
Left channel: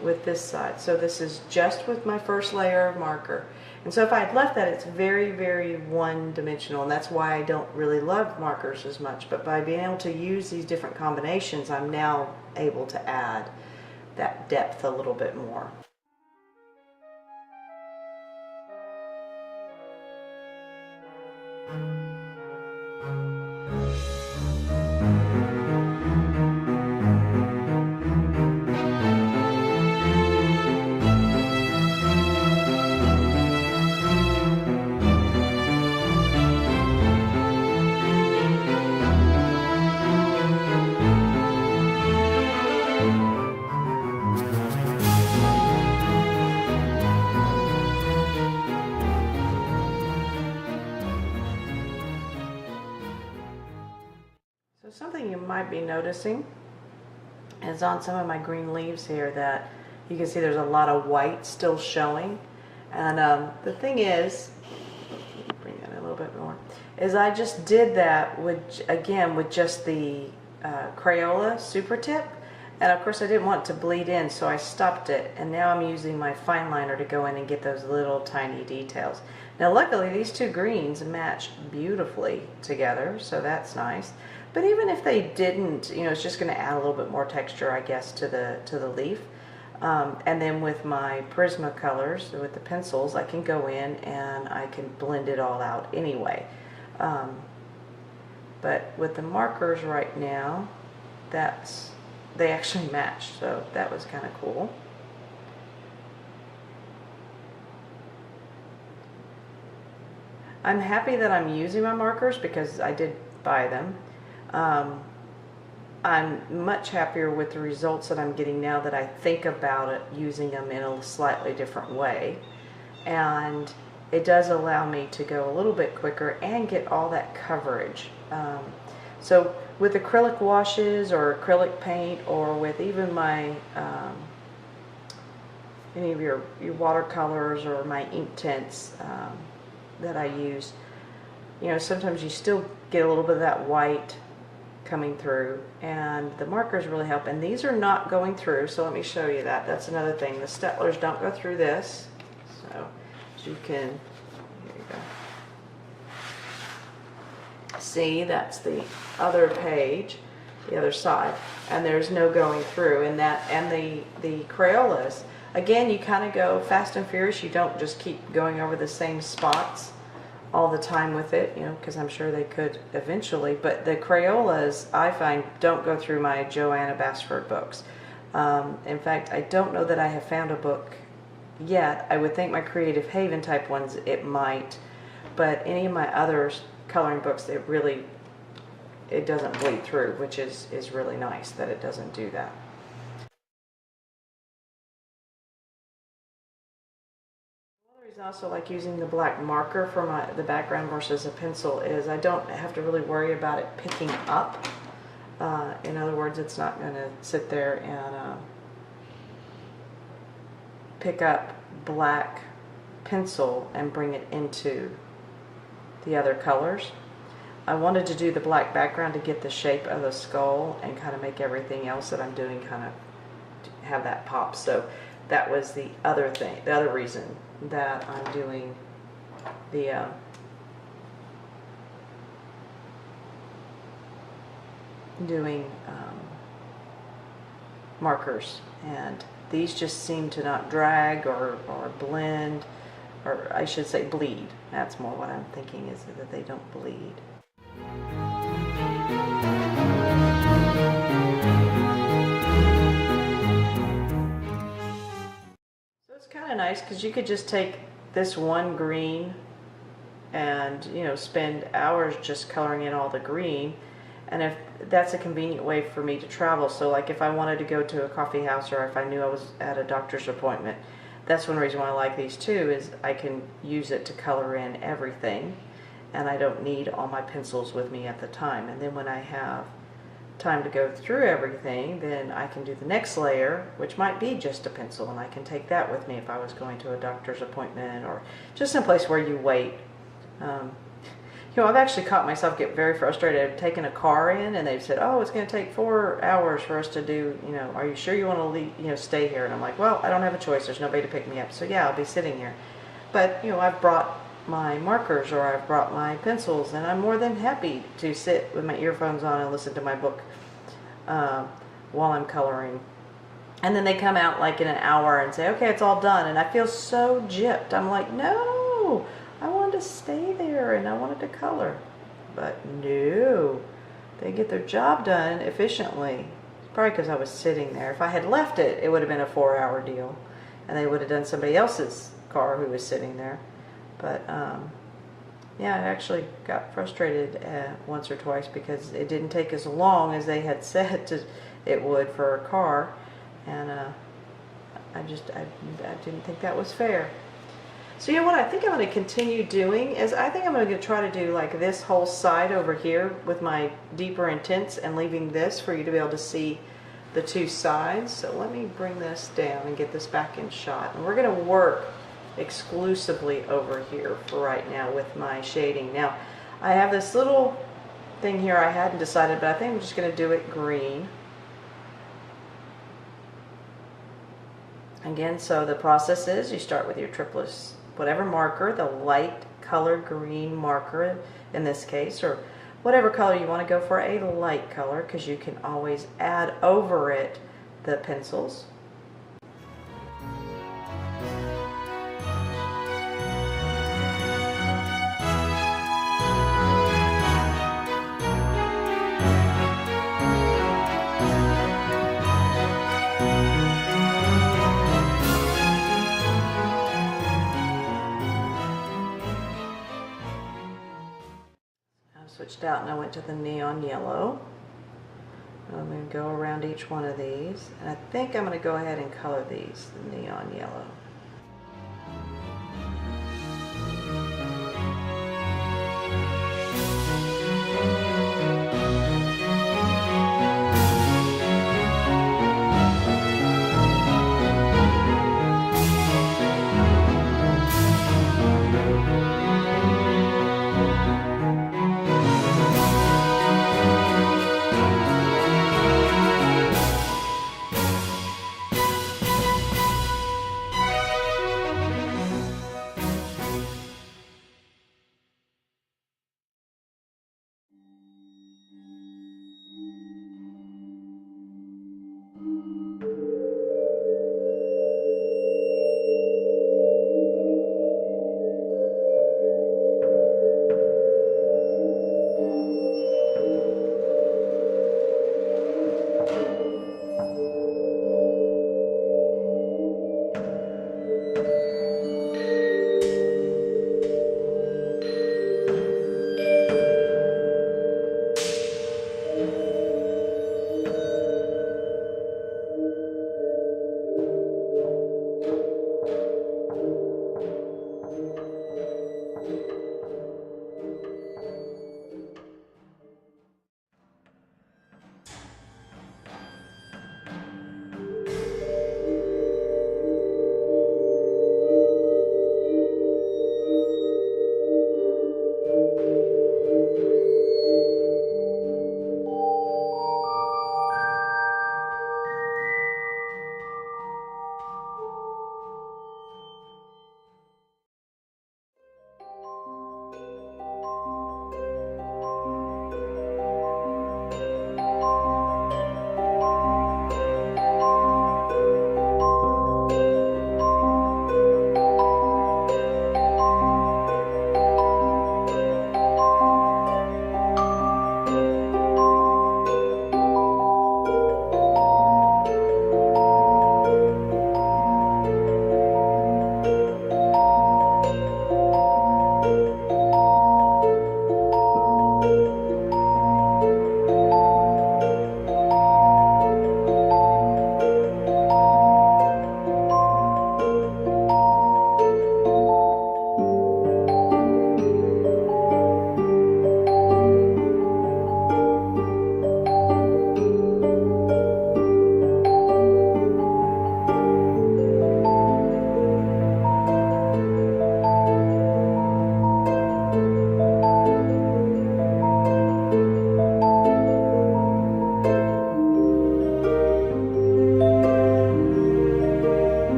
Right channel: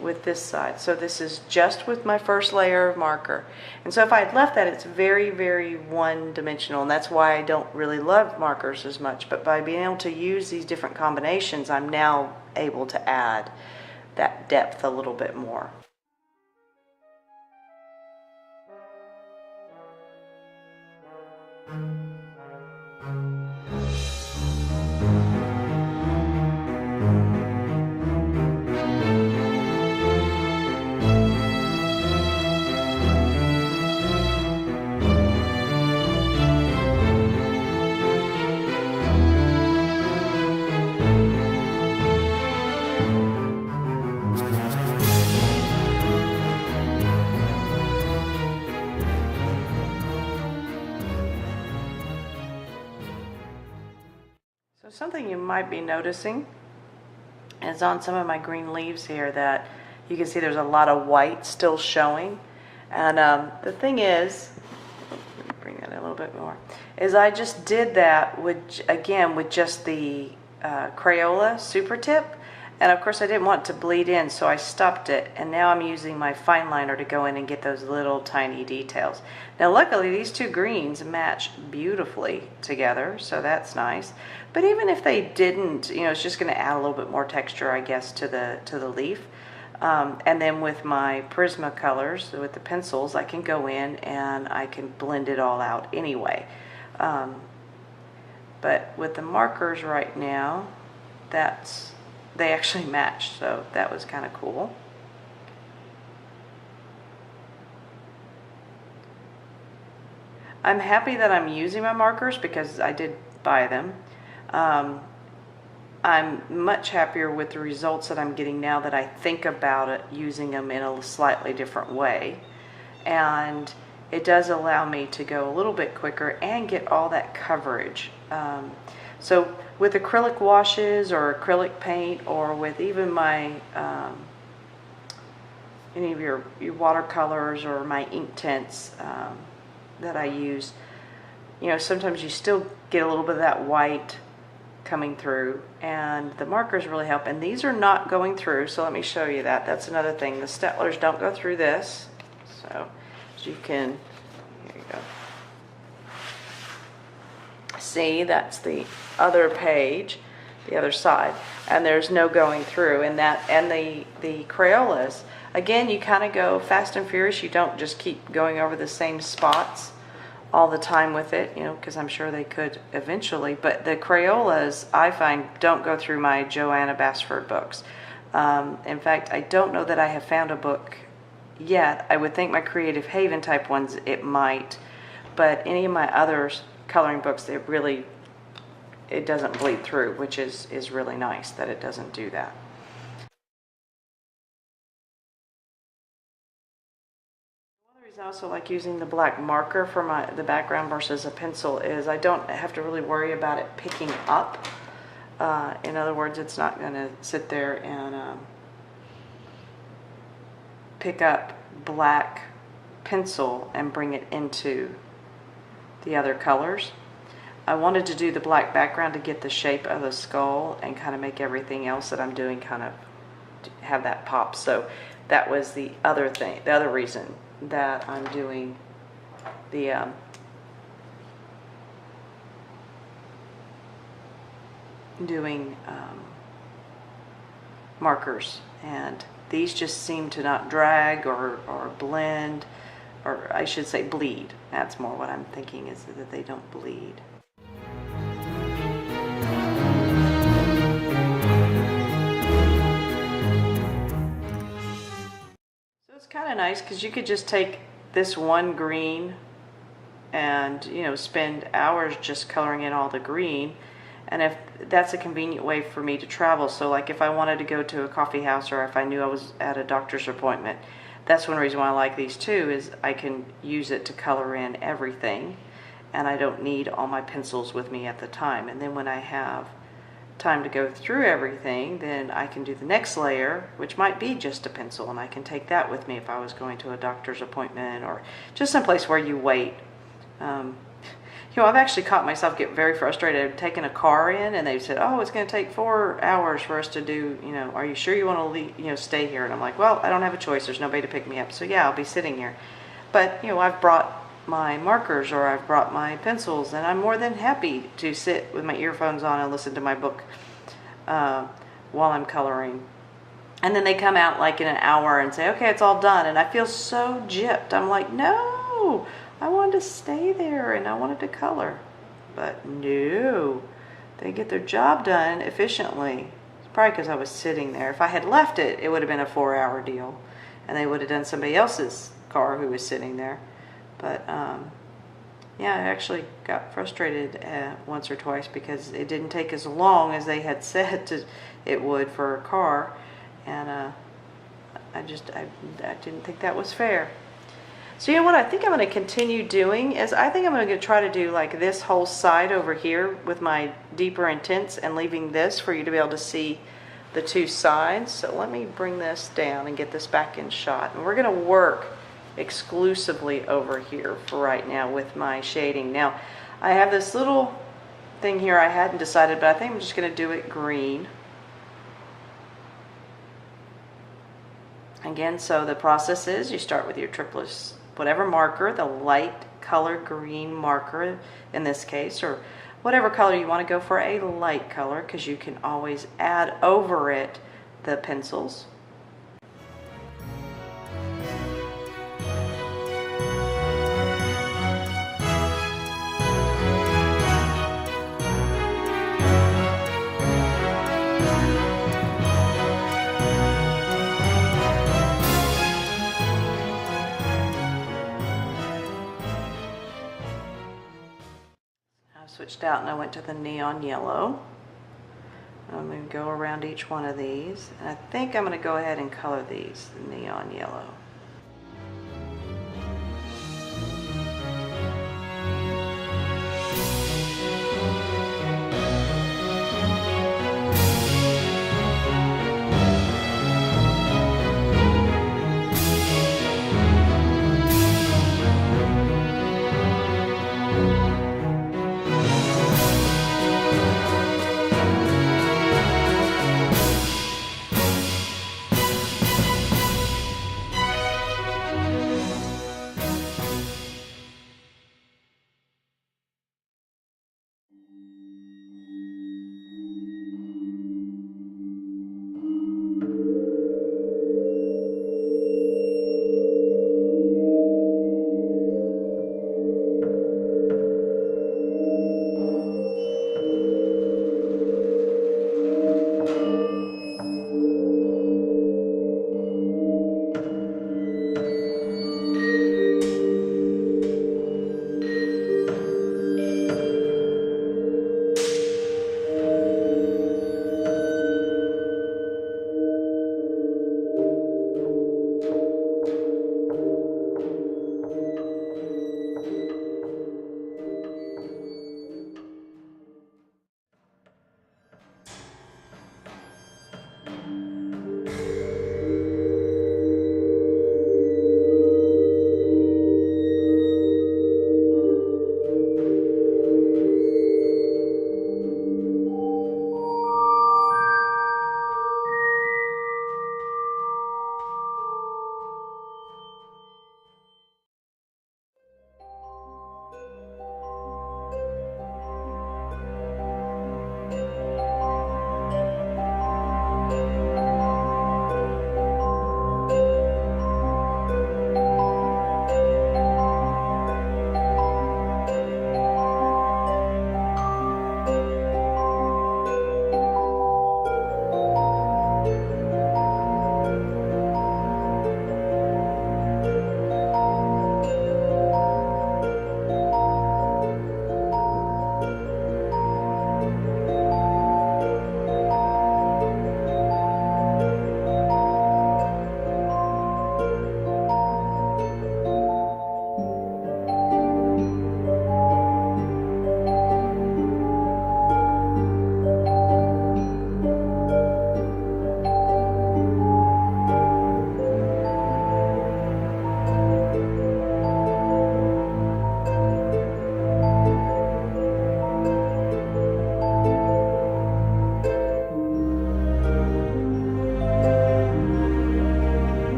with this side, so this is just with my first layer of marker. And so if I had left that, it's very, very one-dimensional, and that's why I don't really love markers as much. But by being able to use these different combinations, I'm now able to add that depth a little bit more. Something you might be noticing is on some of my green leaves here that you can see there's a lot of white still showing. And the thing is, let me bring that in a little bit more, is I just did that with just the Crayola Supertip. And of course I didn't want it to bleed in, so I stopped it. And now I'm using my Fineliner to go in and get those little tiny details. Now luckily these two greens match beautifully together, so that's nice. But even if they didn't, it's just going to add a little bit more texture, I guess, to the leaf. And then with my Prismacolors, with the pencils, I can go in and I can blend it all out anyway. But with the markers right now, they actually match, so that was kind of cool. I'm happy that I'm using my markers because I did buy them. I'm much happier with the results that I'm getting now that I think about it, using them in a slightly different way. And it does allow me to go a little bit quicker and get all that coverage. So with acrylic washes or acrylic paint, or with even my any of your watercolors or my ink tints that I use, you know, sometimes you still get a little bit of that white coming through, and the markers really help. And these are not going through, so let me show you that. That's another thing. The Steadtlers don't go through this, so you can, here you go. See, that's the other page, the other side, and there's no going through. And that, and the Crayolas, again, you kind of go fast and furious. You don't just keep going over the same spots all the time with it, you know, because I'm sure they could eventually. But the Crayolas, I find, don't go through my Johanna Basford books. In fact, I don't know that I have found a book yet. I would think my Creative Haven type ones, it might, but any of my others coloring books, it doesn't bleed through, which is really nice that it doesn't do that. I also like using the black marker for the background versus a pencil is I don't have to really worry about it picking up. In other words, it's not going to sit there and pick up black pencil and bring it into the other colors. I wanted to do the black background to get the shape of the skull and kind of make everything else that I'm doing kind of have that pop. So that was the other thing, the other reason that I'm doing the markers, and these just seem to not drag or blend, or I should say bleed. That's more what I'm thinking, is that they don't bleed. Kind of nice because you could just take this one green and, you know, spend hours just coloring in all the green, and if that's a convenient way for me to travel. So like if I wanted to go to a coffee house, or if I knew I was at a doctor's appointment, that's one reason why I like these too, is I can use it to color in everything, and I don't need all my pencils with me at the time. And then when I have time to go through everything, then I can do the next layer, which might be just a pencil, and I can take that with me if I was going to a doctor's appointment or just someplace where you wait. You know, I've actually caught myself get very frustrated. I've taken a car in and they've said, oh, it's going to take 4 hours for us to do, you know, are you sure you want to leave, you know, stay here? And I'm like, well, I don't have a choice. There's nobody to pick me up. So yeah, I'll be sitting here. But, you know, I've brought my markers or I've brought my pencils, and I'm more than happy to sit with my earphones on and listen to my book while I'm coloring. And then they come out like in an hour and say, okay, it's all done. And I feel so gypped. I'm like, no, I wanted to stay there and I wanted to color. But no, they get their job done efficiently. It's probably because I was sitting there. If I had left it, it would have been a 4-hour deal, and they would have done somebody else's car who was sitting there. But yeah, I actually got frustrated once or twice because it didn't take as long as they had said it would for a car, and I didn't think that was fair. So you know what I think I'm going to continue doing is I think I'm going to try to do like this whole side over here with my deeper intense, and leaving this for you to be able to see the two sides. So let me bring this down and get this back in shot, and we're going to work exclusively over here for right now with my shading. Now I have this little thing here I hadn't decided, but I think I'm just going to do it green again. So the process is you start with your Triplus, whatever marker, the light color green marker in this case, or whatever color you want to go for, a light color, because you can always add over it the pencils. switched out and I went to the neon yellow. I'm going to go around each one of these. And I think I'm going to go ahead and color these the neon yellow.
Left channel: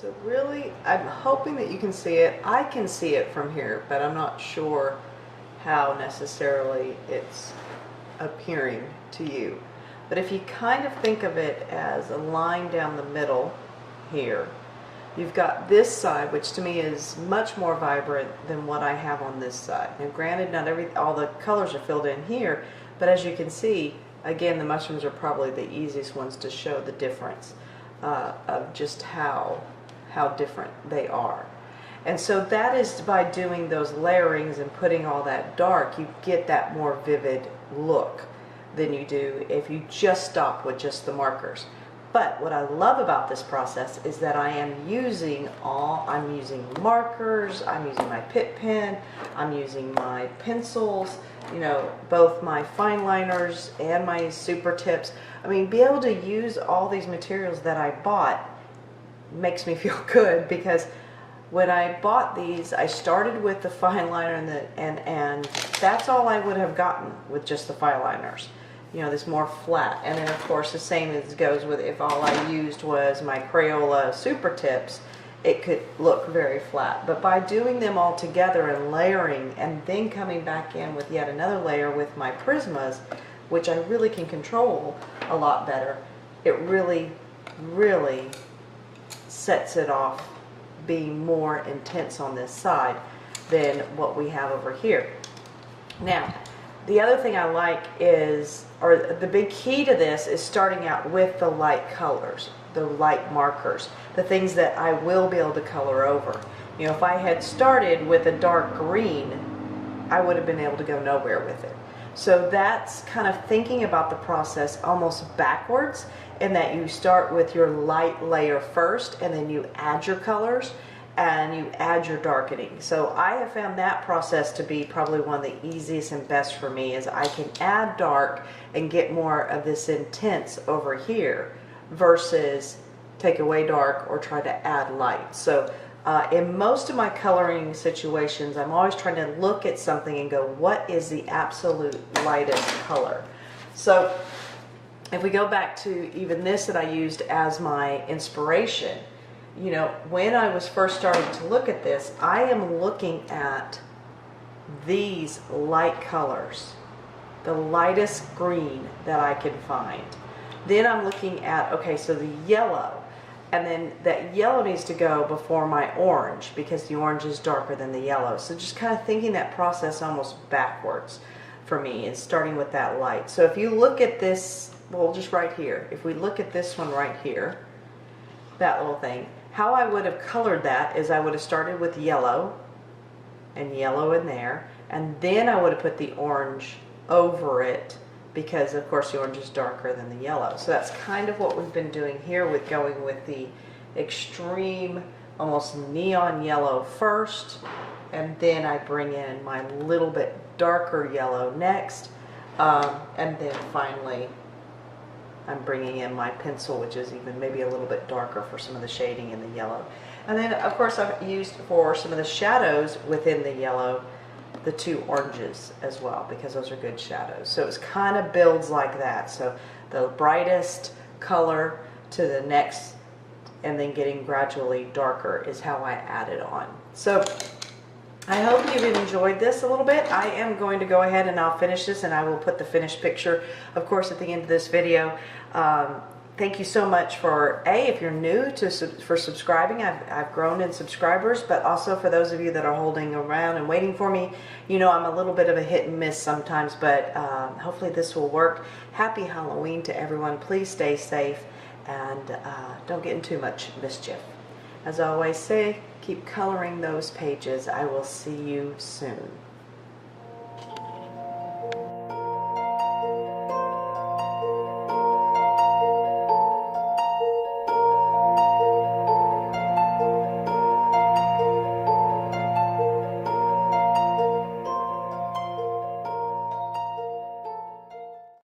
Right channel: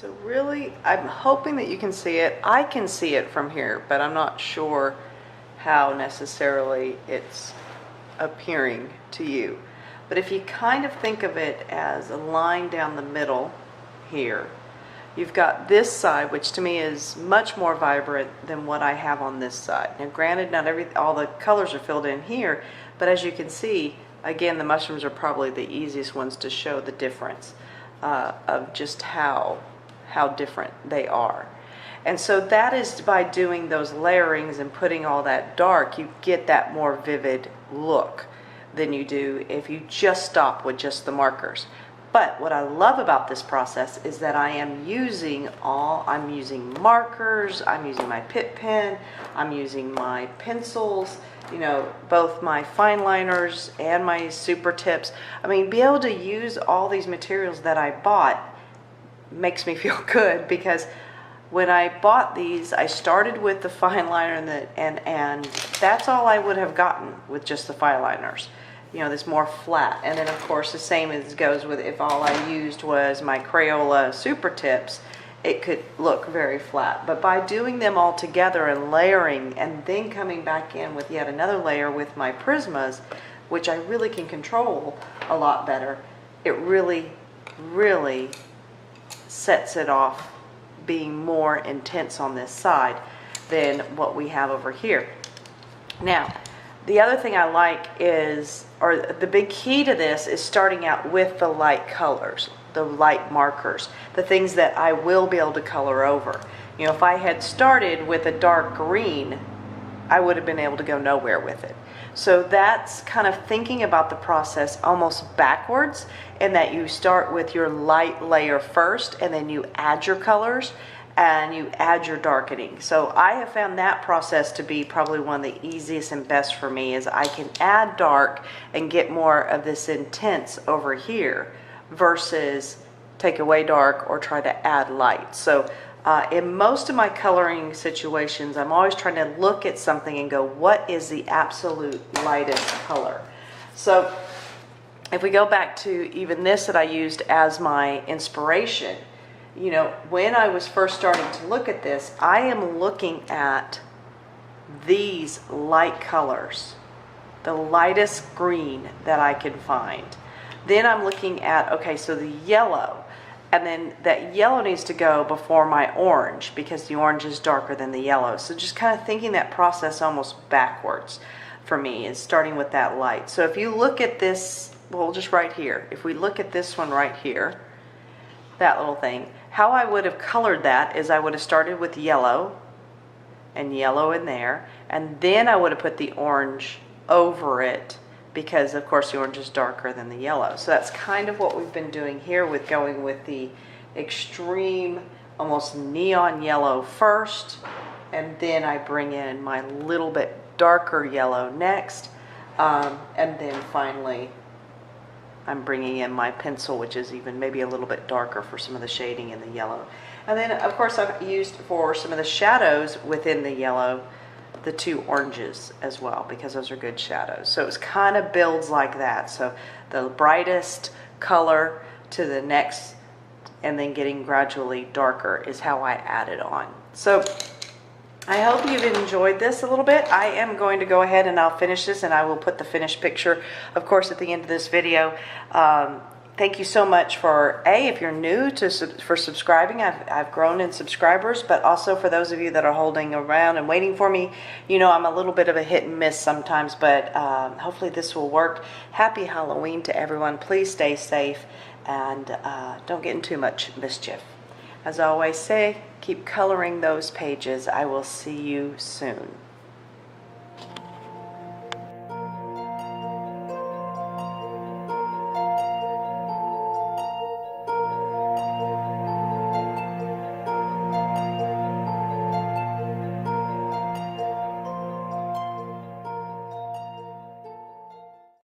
So really, I'm hoping that you can see it. I can see it from here, but I'm not sure how necessarily it's appearing to you. But if you kind of think of it as a line down the middle here, you've got this side, which to me is much more vibrant than what I have on this side. Now granted, not all the colors are filled in here, but as you can see, again, the mushrooms are probably the easiest ones to show the difference of just how different they are. And so that is by doing those layerings and putting all that dark, you get that more vivid look than you do if you just stop with just the markers. But what I love about this process is that I'm using markers, I'm using my Pitt pen, I'm using my pencils, you know, both my Fineliners and my Supertips. I mean, be able to use all these materials that I bought makes me feel good, because when I bought these, I started with the Fineliner and that's all I would have gotten with just the Fineliners. You know, this more flat. And then of course the same as goes with if all I used was my Crayola Supertips, it could look very flat. But by doing them all together and layering and then coming back in with yet another layer with my Prismas, which I really can control a lot better, it really, really sets it off being more intense on this side than what we have over here. Now, the other thing I like is, or the big key to this is starting out with the light colors, the light markers, the things that I will be able to color over. You know, if I had started with a dark green, I would have been able to go nowhere with it. So that's kind of thinking about the process almost backwards, in that you start with your light layer first and then you add your colors and you add your darkening. So I have found that process to be probably one of the easiest and best for me, is I can add dark and get more of this intense over here versus take away dark or try to add light. So in most of my coloring situations, I'm always trying to look at something and go, what is the absolute lightest color? So if we go back to even this that I used as my inspiration, you know, when I was first starting to look at this, I am looking at these light colors, the lightest green that I can find. Then I'm looking at, okay, so the yellow, and then that yellow needs to go before my orange because the orange is darker than the yellow. So just kind of thinking that process almost backwards for me is starting with that light. So if you look at this, well, just right here, if we look at this one right here, that little thing, how I would have colored that is I would have started with yellow and yellow in there, and then I would have put the orange over it, because of course the orange is darker than the yellow. So that's kind of what we've been doing here with going with the extreme, almost neon yellow first, and then I bring in my little bit darker yellow next, and then finally I'm bringing in my pencil, which is even maybe a little bit darker for some of the shading in the yellow. And then of course I've used for some of the shadows within the yellow, the two oranges as well, because those are good shadows. So it kind of builds like that. So the brightest color to the next, and then getting gradually darker is how I add it on. So I hope you've enjoyed this a little bit. I am going to go ahead and I'll finish this, and I will put the finished picture, of course, at the end of this video. Thank you so much for, if you're new for subscribing. I've grown in subscribers, but also for those of you that are holding around and waiting for me. You know, I'm a little bit of a hit and miss sometimes, but hopefully this will work. Happy Halloween to everyone. Please stay safe and don't get in too much mischief. As I always say, keep coloring those pages. I will see you soon.